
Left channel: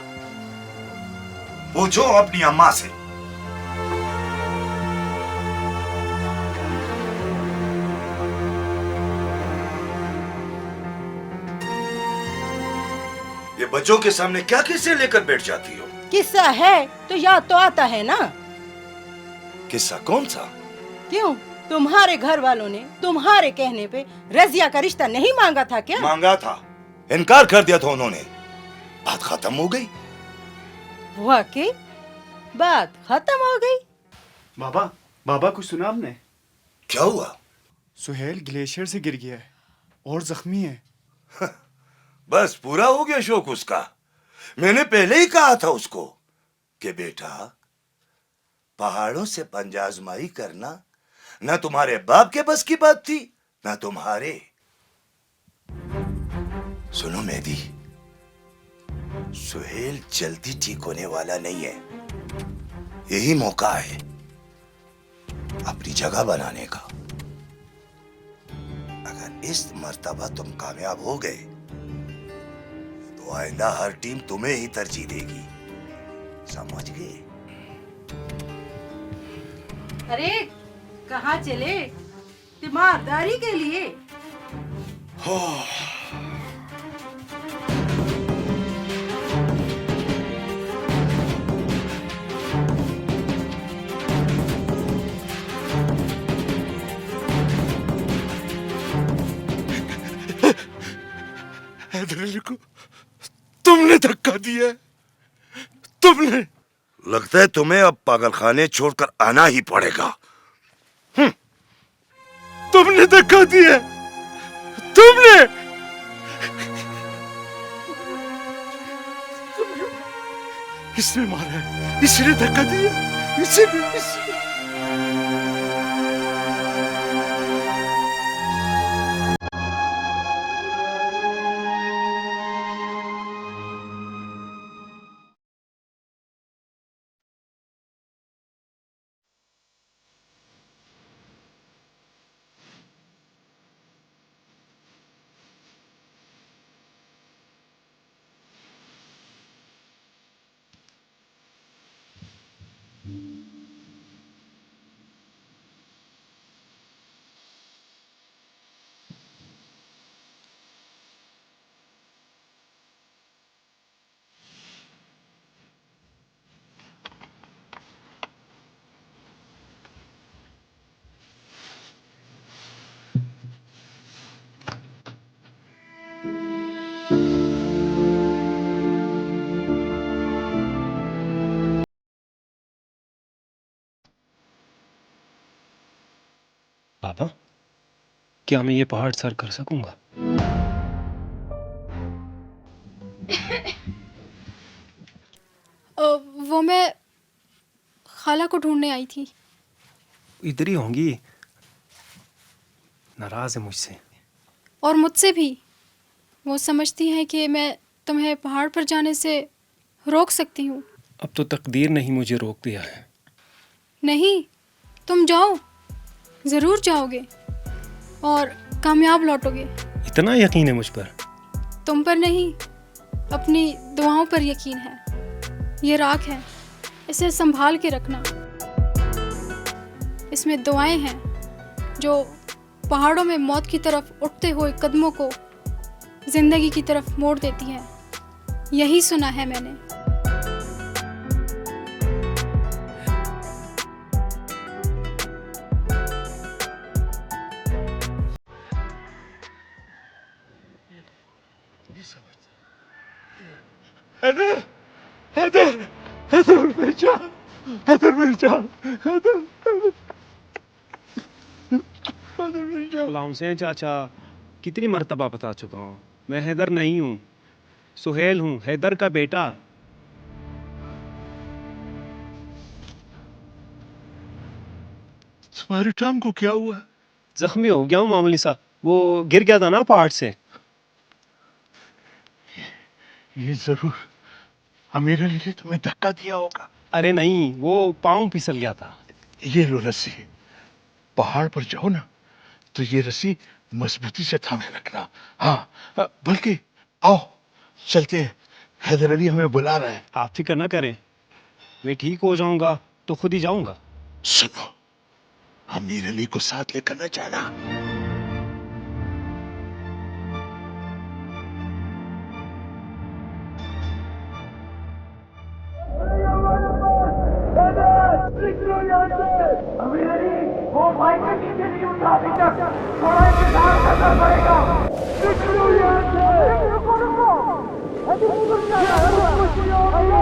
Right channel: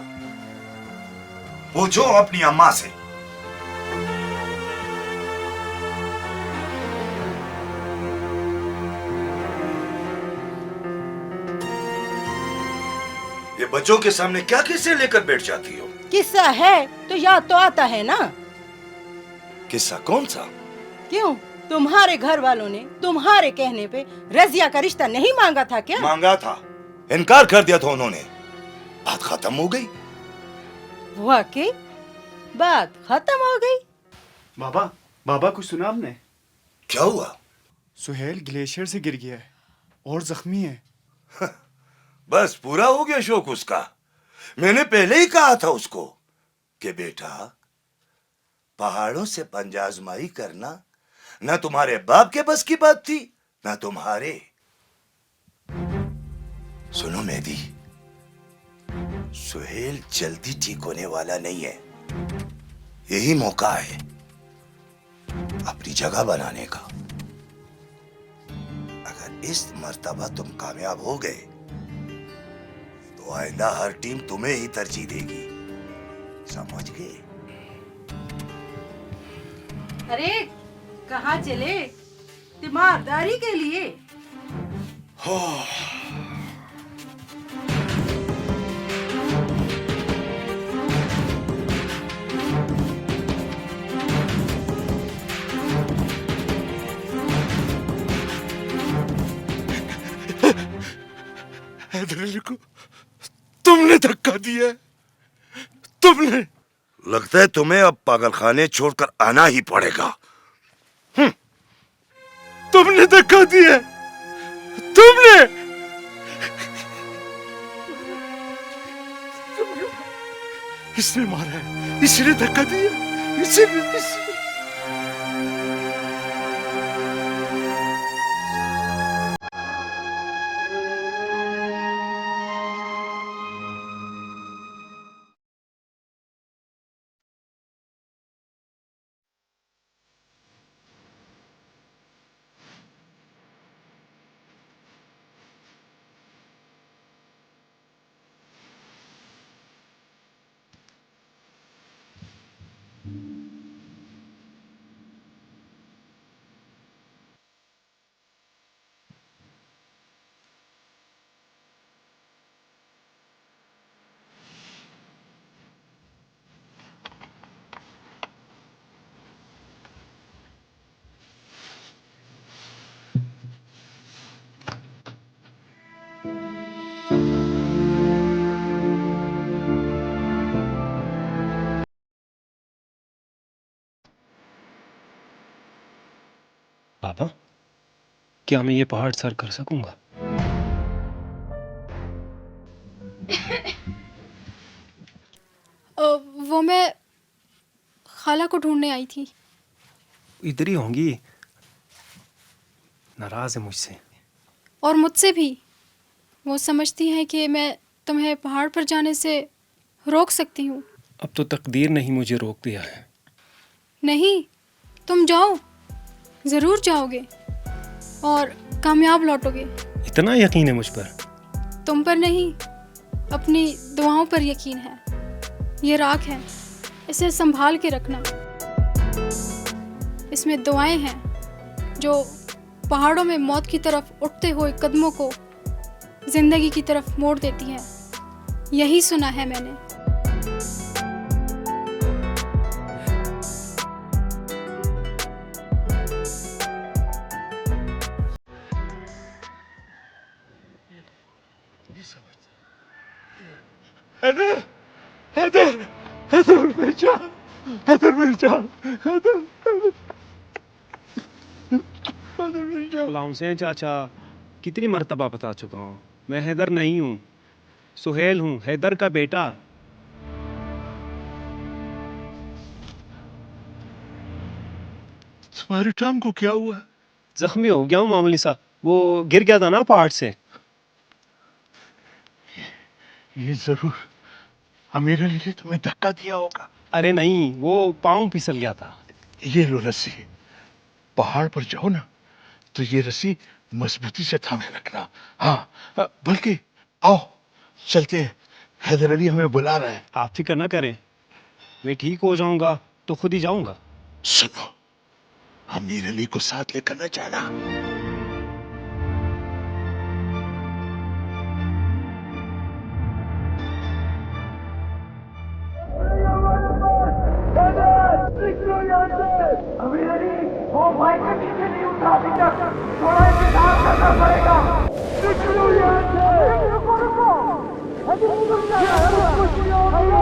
पूछो अपनी अम्मा से। ये बच्चों के सामने क्या किस्से लेकर बैठ जाती हो? किस्सा है तो याद तो आता है ना। किस्सा कौन सा? क्यों, तुम्हारे घर वालों ने तुम्हारे कहने पे रजिया का रिश्ता नहीं मांगा था क्या? मांगा था, इनकार कर दिया था उन्होंने। बात खत्म हो गई। वाकई बात खत्म हो गई। बाबा कुछ सुना आपने? क्या हुआ? सुहेल ग्लेशियर से गिर गया है और जख्मी है। बस पूरा हो गया शौक उसका। मैंने पहले ही कहा था उसको कि बेटा, पहाड़ों से पंजाजमाई करना न तुम्हारे बाप के बस की बात थी न तुम्हारे। सुनो मेहदी, सुहेल जल्दी ठीक होने वाला नहीं है। यही मौका है अपनी जगह बनाने का। अगर इस मर्तबा तुम कामयाब हो गए तो आइंदा हर टीम तुम्हें ही तरजीह देगी, समझ गए? अरे कहाँ चले? तीमारदारी के लिए। हैदर अली को तुमने धक्का दिया। तुमने। लगता है तुम्हें अब पागलखाने छोड़कर आना ही पड़ेगा। तुमने धक्का दिया। तुमने। इसने मारा है, इसने धक्का दिया, इसने। पापा, क्या मैं ये पहाड़ सर कर सकूंगा? वो मैं खाला को ढूंढने आई थी। इधर ही होंगी। नाराज है मुझसे। और मुझसे भी। वो समझती है कि मैं तुम्हें पहाड़ पर जाने से रोक सकती हूँ। अब तो तकदीर ने ही मुझे रोक दिया है। नहीं, तुम जाओ, जरूर जाओगे और कामयाब लौटोगे। इतना यकीन है मुझ पर? तुम पर नहीं, अपनी दुआओं पर यकीन है। ये राख है, इसे संभाल के रखना। इसमें दुआएं हैं जो पहाड़ों में मौत की तरफ उठते हुए कदमों को जिंदगी की तरफ मोड़ देती है। यही सुना है मैंने। हैदर, हैदर, हैदर मेरी जान, हैदर मेरी जान, हैदर, हैदर मेरी जान। गुलाम से चाचा, कितनी मर्तबा बता चुका हूँ, मैं हैदर नहीं हूँ। सुहेल हूँ, हैदर का बेटा। तुम्हारी टांग को क्या हुआ? जख्मी हो गया हूँ मामूली सा, वो गिर गया था ना पहाड़ से। ये जरूर अमीर अली ने तुम्हें धक्का दिया होगा। अरे नहीं, वो पाँव फिसल गया था। ये लो रस्सी, पहाड़ पर जाओ ना तो ये रस्सी मजबूती से थामे रखना। हाँ, बल्कि आओ चलते हैं, हैदर अली हमें बुला रहे हैं। आप फिक्र ना करें, मैं ठीक हो जाऊंगा तो खुद ही जाऊंगा। सुनो, अमीर अली को साथ लेकर न जाना। अमीर अली, वो माइकल नीचे नहीं उठा अभी तक, थोड़ा इंतजार करना पड़ेगा। निकलो यहाँ से। रुको रुको, अभी निकल जाना है।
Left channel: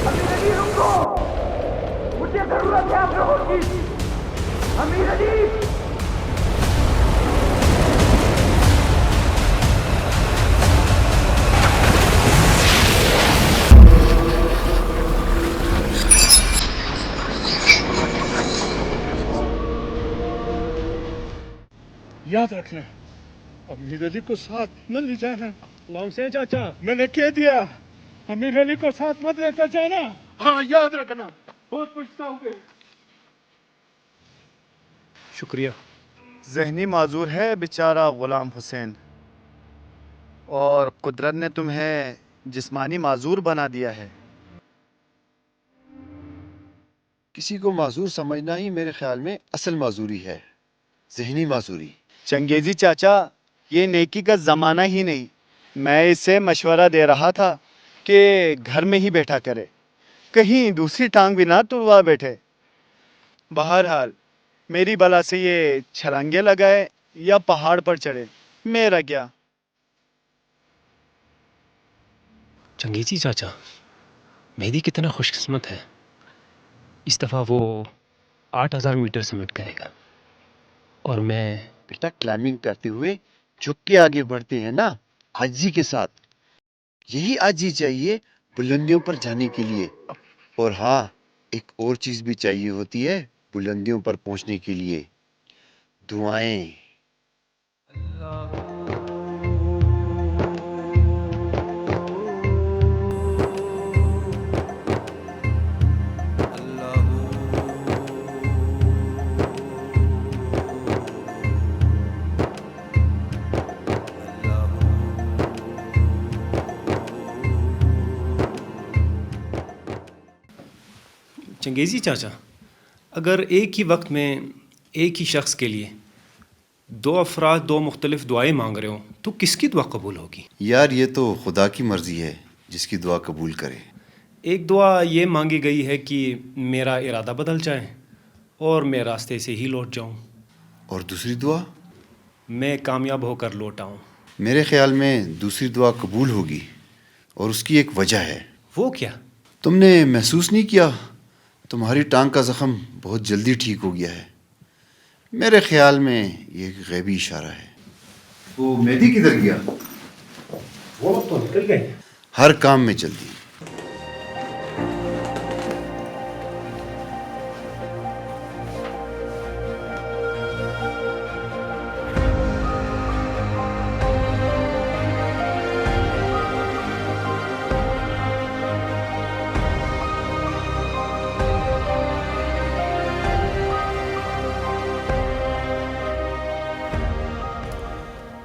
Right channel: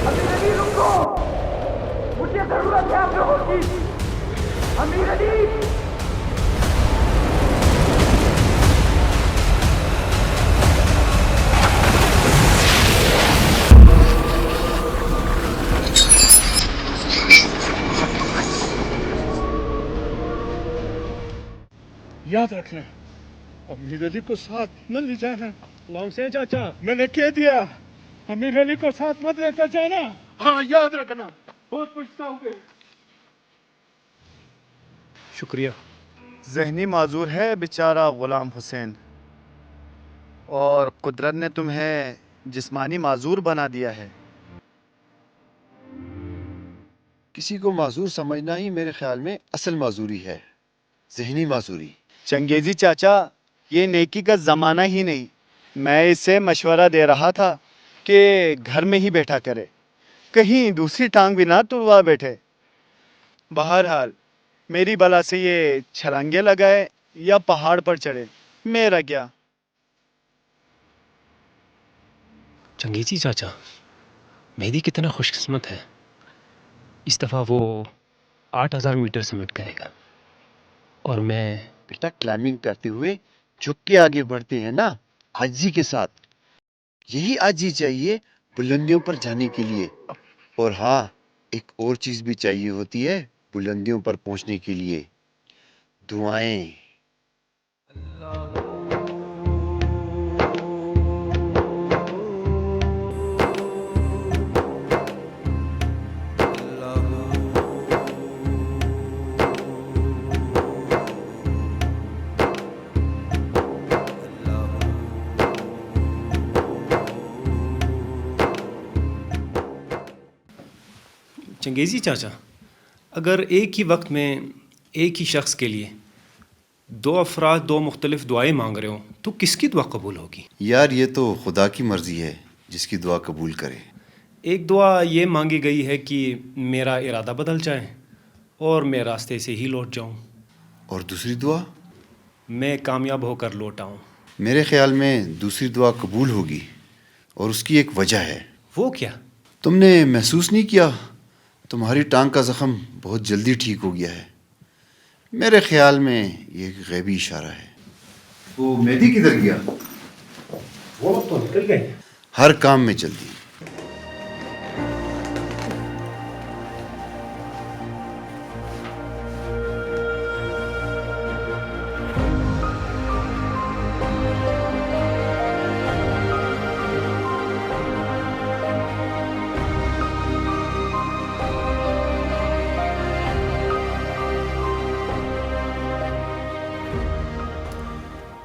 अमीर अली रुको, मुझे जरूरत है आप लोगों की। अमीर अली, याद रखना, अमीर अली को साथ न ले जाना। लॉन्ग से चाचा, मैंने कह दिया, अमीर अली को साथ मत लेकर जाना। हाँ, याद रखना, बहुत पछताओगे। शुक्रिया। जहनी माजूर है बेचारा गुलाम हुसैन, और कुदरत ने तुम्हें जिस्मानी माजूर बना दिया है। किसी को माजूर समझना ही मेरे ख्याल में असल माजूरी है, जहनी माजूरी। चंगेजी चाचा, ये नेकी का ज़माना ही नहीं। मैं इसे मशवरा दे रहा था कि घर में ही बैठा करे, कहीं दूसरी टांग भी ना तुड़वा बैठे। बहरहाल मेरी बला से ये छलांगे लगाए या पहाड़ पर चढ़े, मेरा क्या। चंगेजी चाचा, मेहदी कितना खुशकिस्मत है, इस दफ़ा वो 8000 मीटर समिट करेगा और मैं। बेटा, क्लाइंबिंग करते हुए झुक के आगे बढ़ते हैं ना, आजी के साथ। यही आजी चाहिए बुलंदियों पर जाने के लिए। और हाँ, एक और चीज भी चाहिए होती है बुलंदियों पर पहुंचने के लिए, दुआएं। चंगेजी चाचा, अगर एक ही वक्त में एक ही शख्स के लिए दो अफराद दो मुख्तलिफ दुआएं मांग रहे हो तो किसकी दुआ कबूल होगी? यार, ये तो खुदा की मर्जी है, जिसकी दुआ कबूल करे। एक दुआ ये मांगी गई है कि मेरा इरादा बदल जाए और मैं रास्ते से ही लौट जाऊं। और दूसरी दुआ? मैं कामयाब होकर लौट आऊं। मेरे ख्याल में दूसरी दुआ कबूल होगी, और उसकी एक वजह है। वो क्या? तुमने महसूस नहीं किया तुम्हारी टांग का जख्म बहुत जल्दी ठीक हो गया है? मेरे ख्याल में ये एक गैबी इशारा है। वो मेहदी किधर गया? वो तो निकल गए। हर काम में जल्दी।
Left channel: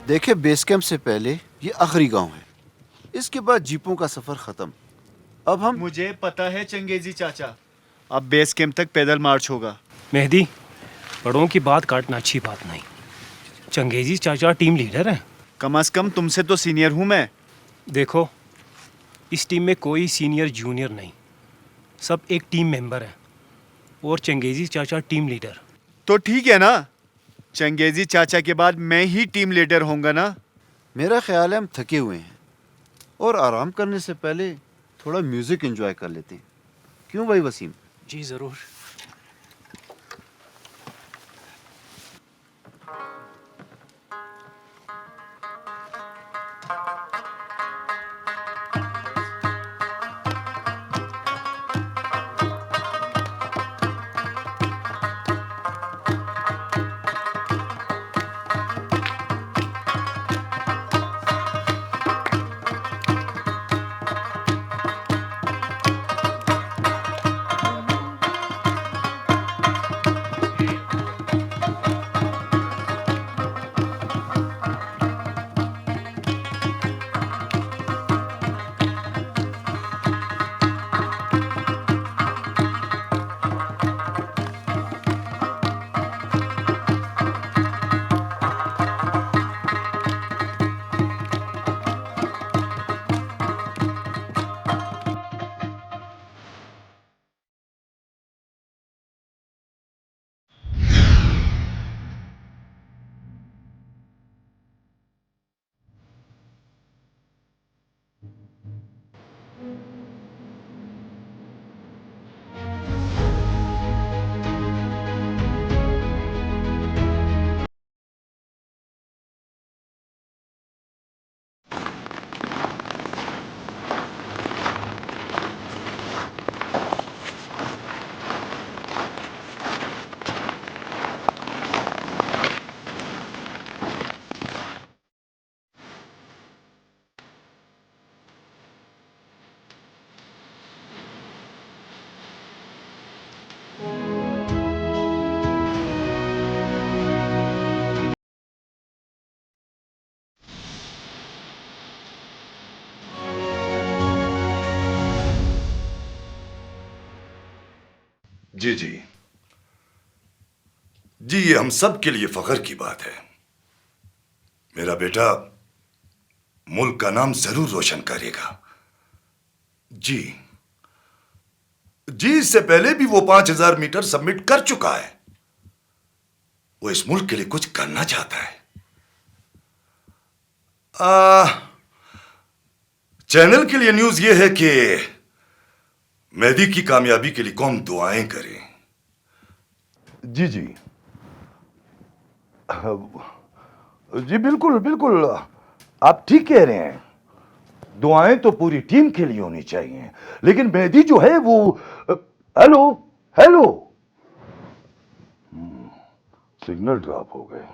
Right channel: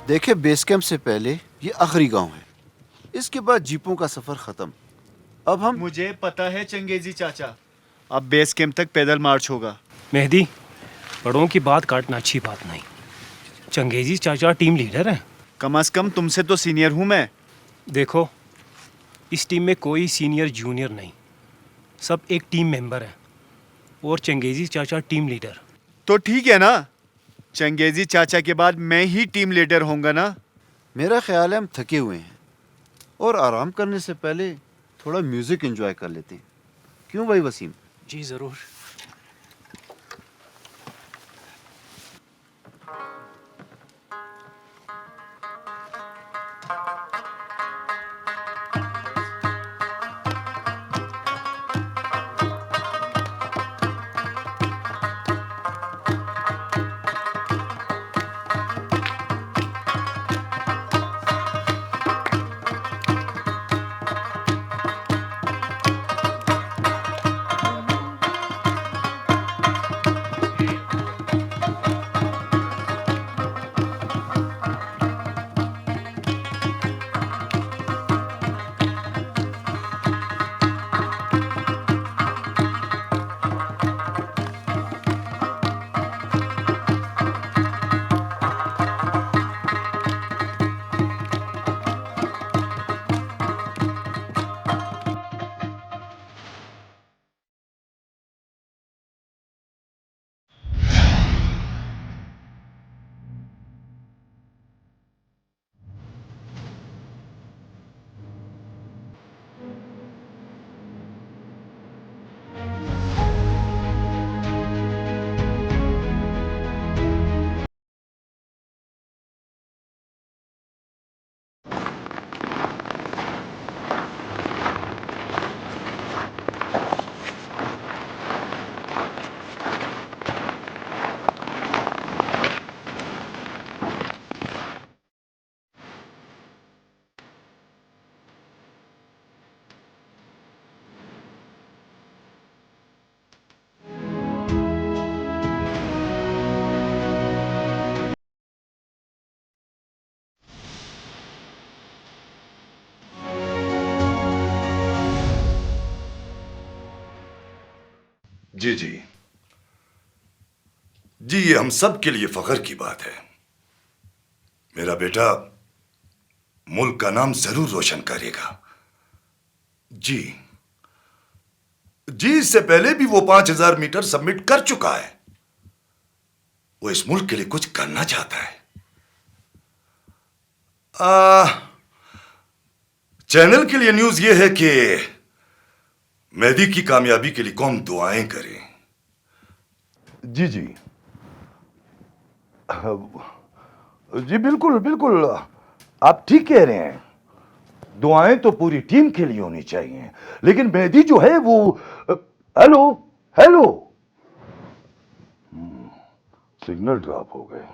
देखे, बेस कैंप से पहले ये आखिरी गांव है, इसके बाद जीपों का सफर खत्म। अब हम। मुझे पता है चंगेजी चाचा, अब बेस कैंप तक पैदल मार्च होगा। मेहदी, बड़ों की बात काटना अच्छी बात नहीं। चंगेजी चाचा टीम लीडर हैं। कम से कम तुमसे तो सीनियर हूं मैं। देखो, इस टीम में कोई सीनियर जूनियर नहीं, सब एक टीम मेंबर है और चंगेजी चाचा टीम लीडर। तो ठीक है ना, चंगेजी चाचा के बाद मैं ही टीम लीडर होऊंगा ना। मेरा ख्याल है हम थके हुए हैं, और आराम करने से पहले थोड़ा म्यूजिक एंजॉय कर लेते हैं। क्यों भाई वसीम? जी जरूर। जी जी जी, ये हम सब के लिए फख्र की बात है। मेरा बेटा मुल्क का नाम जरूर रोशन करेगा। जी जी, इससे पहले भी वो 5000 मीटर सबमिट कर चुका है। वो इस मुल्क के लिए कुछ करना चाहता है। चैनल के लिए न्यूज ये है कि मेहदी की कामयाबी के लिए कौम दुआएं करे। जी जी जी, बिल्कुल बिल्कुल, आप ठीक कह रहे हैं। दुआएं तो पूरी टीम के लिए होनी चाहिए, लेकिन मेहदी जो है वो हेलो हेलो सिग्नल ड्रॉप हो गए।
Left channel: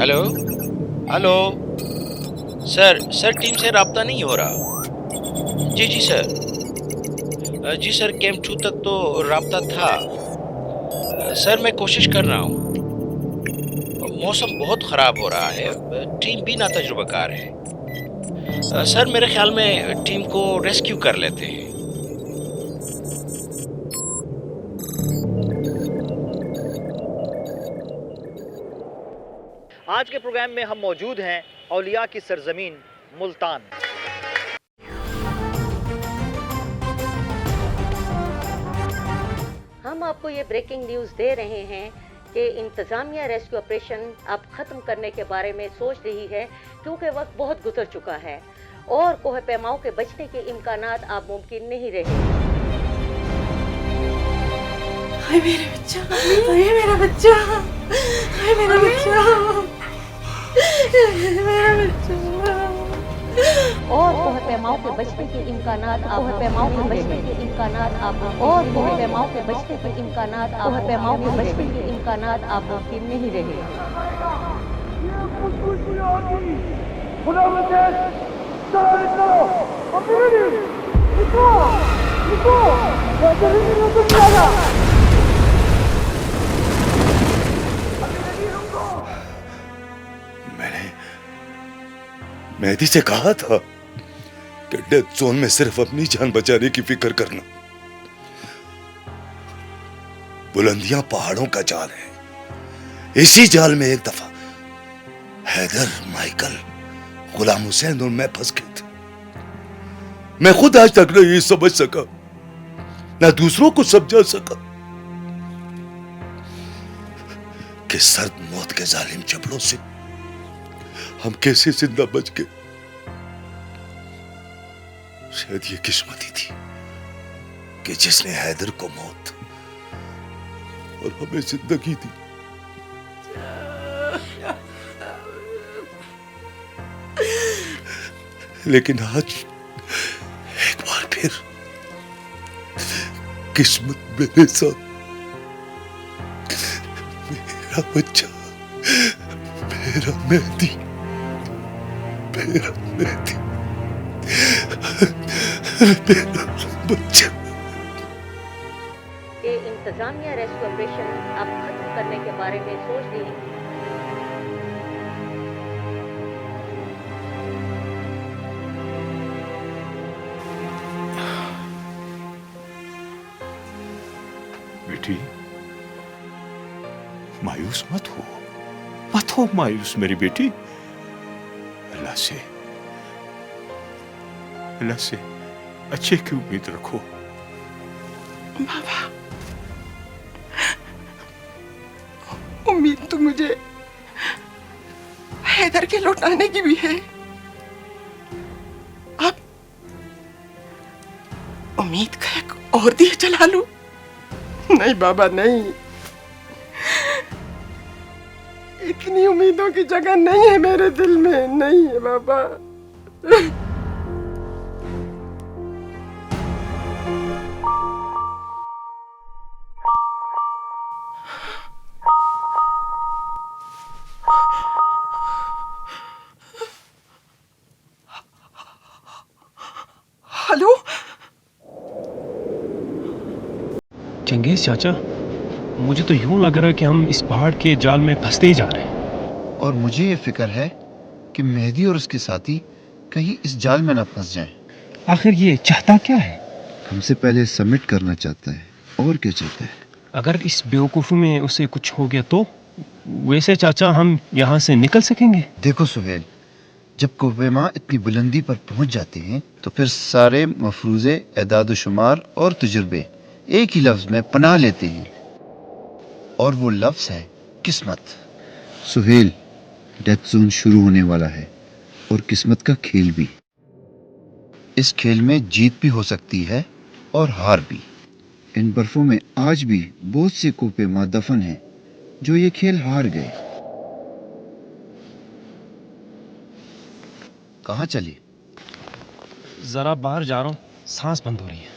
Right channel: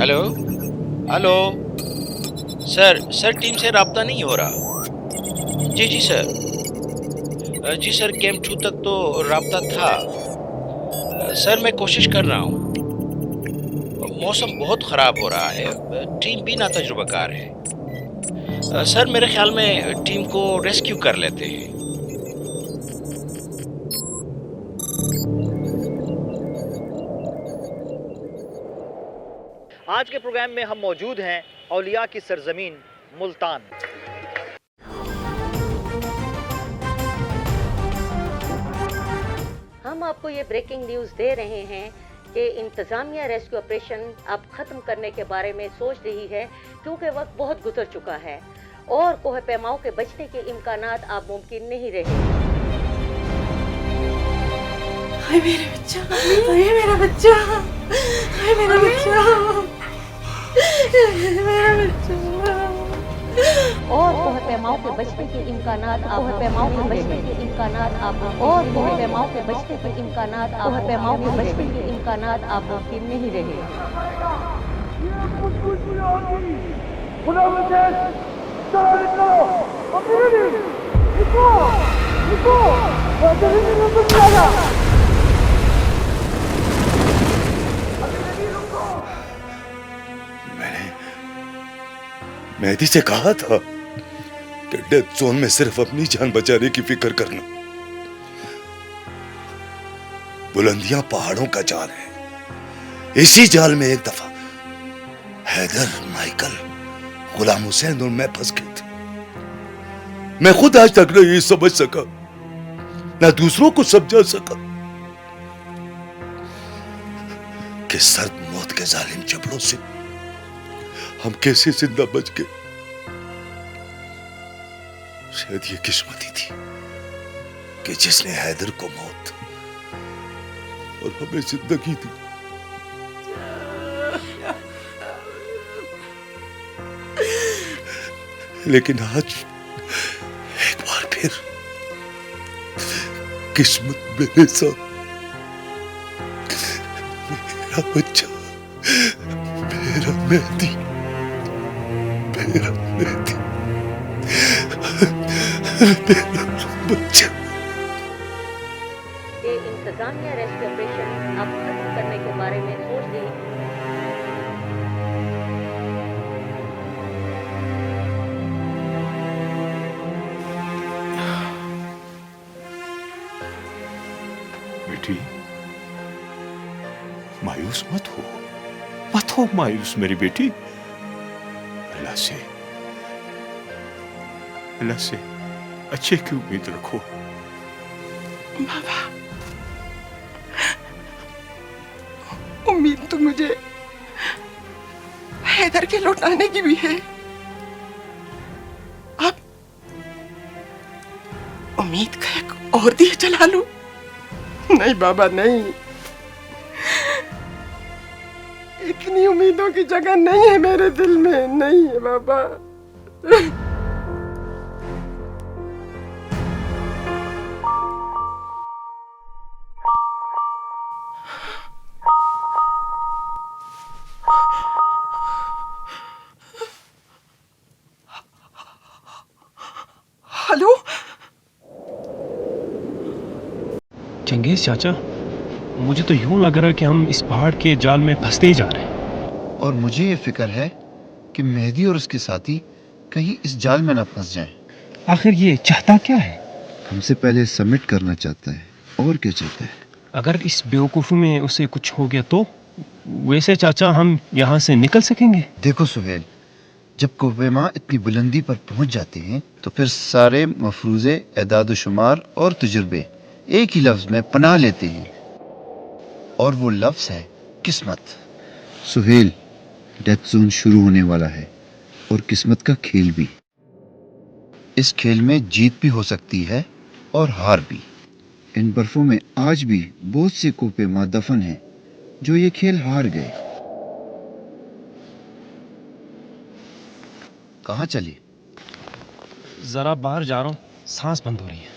हेलो हेलो सर टीम से राब्ता नहीं हो रहा। जी जी सर कैंप 2 तक तो राब्ता था सर। मैं कोशिश कर रहा हूँ। मौसम बहुत ख़राब हो रहा है, टीम भी ना तजुर्बाकार है। सर मेरे ख्याल में टीम को रेस्क्यू कर लेते हैं। आज के प्रोग्राम में हम मौजूद हैं औलिया की सरजमीन मुल्तान। हम आपको ये ब्रेकिंग न्यूज़ दे रहे हैं कि इंतज़ामिया रेस्क्यू ऑपरेशन अब ख़त्म करने के बारे में सोच रही है, क्योंकि वक्त बहुत गुजर चुका है और कोह पैमाओं के बचने के इम्कानात अब मुमकिन नहीं रहे। हाय मेरा बच्चा, हाय मेरा बच्चा, हाय मेरा बच्चा, मेरा बच्चा। और कोह पैमाओं के बचने के इम्कानात अब कोह पैमाओं के बचने के इम्कानात अब और कोह पैमाओं के बचने के इम्कानात अब कोह पैमाओं के बचने के इम्कानात अब मुमकिन नहीं रहे। खुदा मुझे चलो निकलो, अमीरी निकलो निकलो, जल्दी निकलो जाना। मैंने मेहदी से कहा था कि डेथ जोन में सिर्फ अपनी जान बचाने की फिक्र करना। बुलंदियां पहाड़ों का जाल है। इसी जाल में एक दफा हैदर, माइकल, गुलाम हुसैन और मैं फंस गए थे। मैं खुद आज तक नहीं समझ सका, ना दूसरों को समझा सका कि सर्द मौत के जालिम जबड़ों से हम कैसे जिंदा बच गए। शायद ये किस्मत ही थी कि जिसने हैदर को मौत और हमें जिंदगी दी। लेकिन आज एक बार फिर किस्मत मेरे साथ, मेरा बच्चा, मेरा मेहदी, मेरा मेहदी, मेरा बच्चा। ये इंतजामिया रेस्क्यू ऑपरेशन आप खत्म करने के बारे में सोच रही। बेटी, मायूस मत हो मायूस मेरी बेटी। अल्लाह से अच्छे की उम्मीद रखो। बाबा, उम्मीद तो मुझे हैदर के लौटाने की भी है। अब उम्मीद का एक और दिया जला लूं? नहीं बाबा, नहीं। इतनी उम्मीदों की जगह नहीं है मेरे दिल में, नहीं है बाबा। हेलो चंगेज चाचा, मुझे तो यूं लग रहा है कि हम इस पहाड़ के जाल में फंसते ही जा रहे हैं। और मुझे ये फिक्र है कि मेहदी और उसके साथी कहीं इस जाल में ना फंस जाएं। आखिर ये चाहता क्या है? हमसे पहले सबमिट करना चाहता है। और क्या चाहता है? अगर इस बेवकूफ़ी में उसे कुछ हो गया तो? वैसे चाचा, हम यहाँ से निकल सकेंगे? देखो सुहेल, जब कोपेमा इतनी बुलंदी पर पहुंच जाते हैं तो फिर सारे मफरूज़े, एदाद शुमार और तजुर्बे एक ही लफ्ज़ में पनाह लेते हैं, और वो लफ्ज़ है किस्मत। सुहेल, डेथ जोन शुरू होने वाला है और किस्मत का खेल भी। इस खेल में जीत भी हो सकती है और हार भी। इन बर्फों में आज भी बहुत से कोपेमा दफन हैं जो ये खेल हार गए। कहाँ चली? जरा बाहर जा रहा हूँ, सांस बंद हो रही है।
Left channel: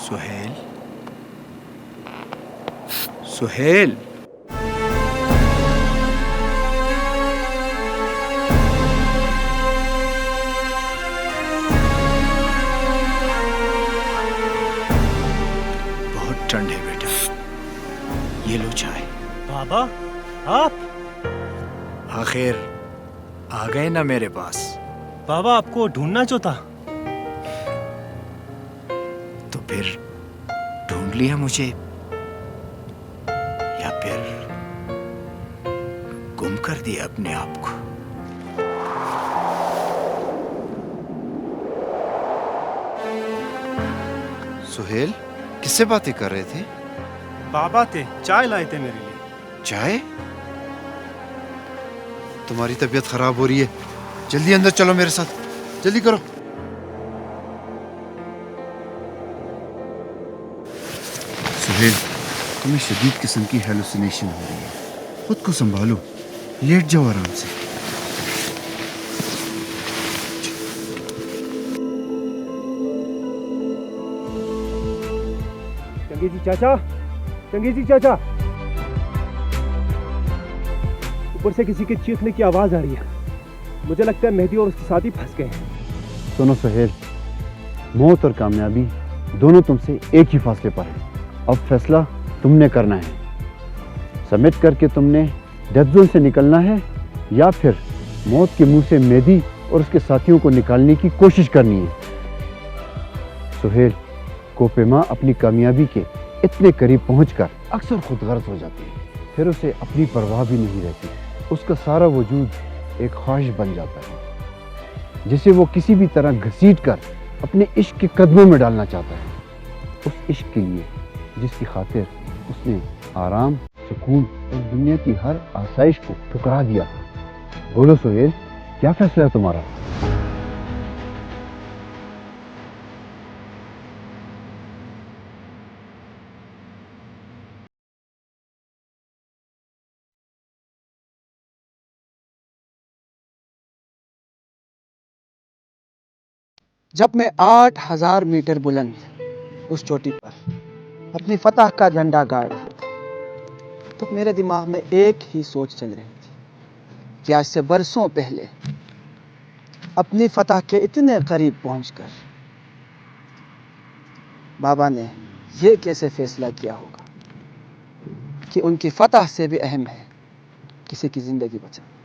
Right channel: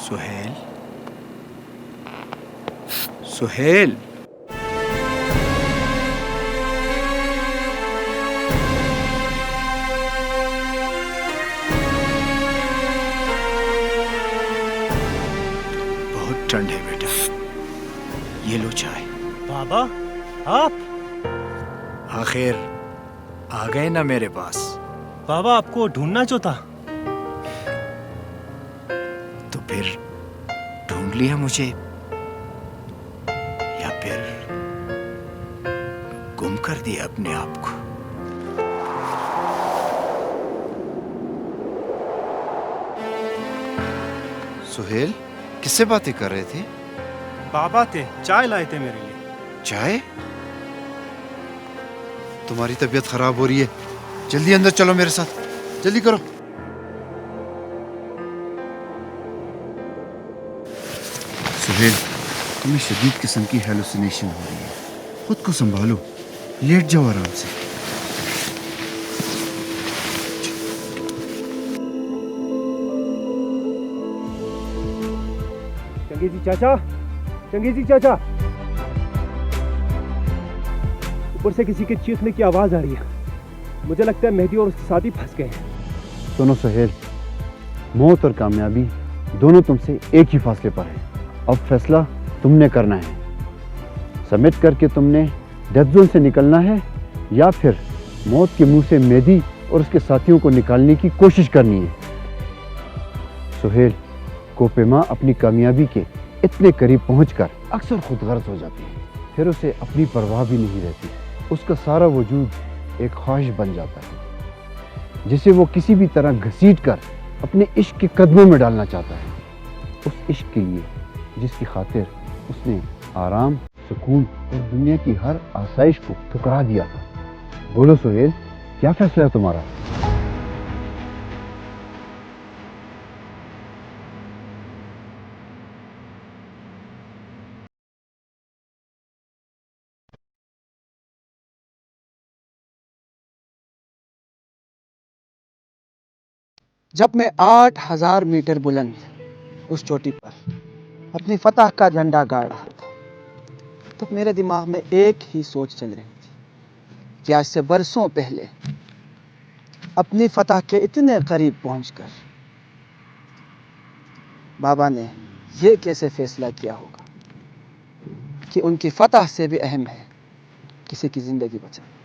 सुहेल, सुहेल, बहुत ठंड है बेटा, ये लो चाय। बाबा, आप आखिर आ गए ना मेरे पास। बाबा, आपको ढूंढना जो था। तो फिर ढूंढ लिया मुझे, या फिर गुम कर दिया अपने आप को? सुहेल, किससे बातें कर रहे थे? बाबा थे, चाय लाए थे मेरे लिए। चाय? तुम्हारी तबीयत खराब हो रही है, जल्दी अंदर चलो मेरे साथ, जल्दी करो। सुहेल, तुम्हें शदीद किस्म की हेलुसिनेशन हो रही है, खुद को संभालो, लेट जाओ आराम से। चंगेजी चाचा, चंगेजी चाचा, ऊपर से किसी के चीखने की आवाज आ रही है। मुझे लगता है मेहदी और उसके साथी फंस गए हैं। सुनो सुहेल, मौत और कामयाबी दोनों तुमसे एक ही फासले पर है। अब फैसला तुमने करना है। सबमिट करके तुमने डेथ जोन से निकलना है या फिर मौत के मुंह से मेहदी और उसके साथियों को निकालने की कोशिश करनी है। सुहेल, कोपेमा अपनी कामयाबी के इतने करीब पहुंचकर अक्सर खुदगर्ज हो जाती है, फिर उसे अपनी परवाह भी नहीं रहती। उसका सारा वजूद एक ख्वाहिश बन जाता है जिसे वो किसी भी तरह घसीट कर अपने इश्क के कदमों में डालना चाहता है। उस इश्क के लिए जिसकी खातिर उसने आराम, सुकून और दुनिया की हर आसाइश को ठुकरा दिया था। बोलो सुहेल, क्या फैसला है तुम्हारा? जब मैं 8000 मीटर बुलंद उस चोटी पर अपनी फतह का झंडा गाड़ रहा था, तो मेरे दिमाग में एक ही सोच चल रही थी कि आज से बरसों पहले अपनी फतह के इतने करीब पहुंचकर बाबा ने यह कैसे फैसला किया होगा कि उनकी फतह से भी अहम है किसी की जिंदगी बचाना।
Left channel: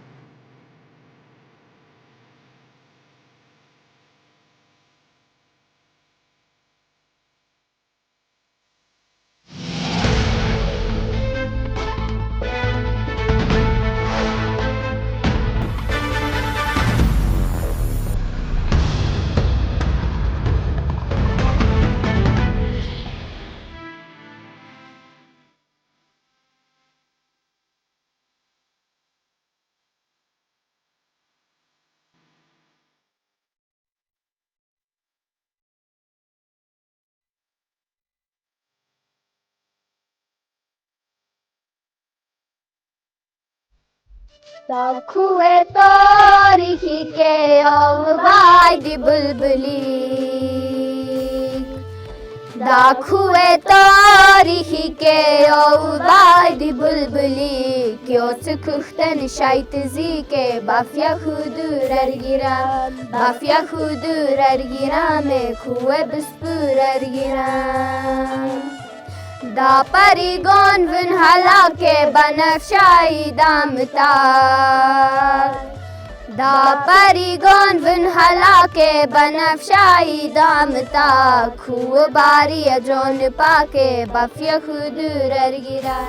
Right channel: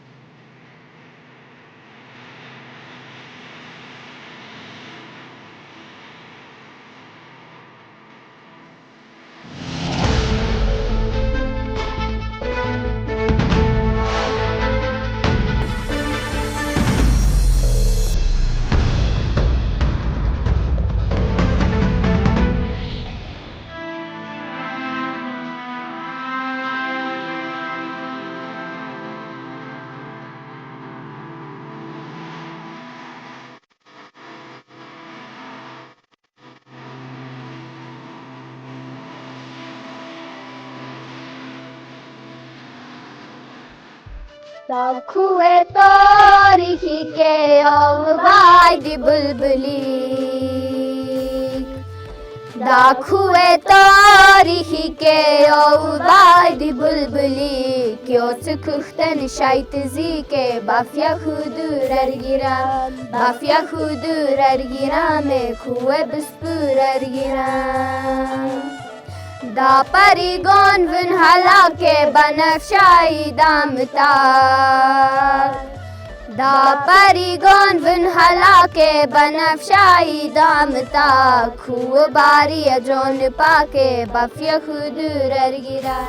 Dakuwe tarihi ke avvaydi bulbulik Dakuwe tarihi ke avvaydi bulbulik Yos kukhten shaytzi ke bafya khudur ergiram Bafya khudur ergiram kuwe bispur ergiram Da parigon vun halake banafshai damtar Da parigon vun halake banafshai damtar Khu bari jon pake bafya khudur ergira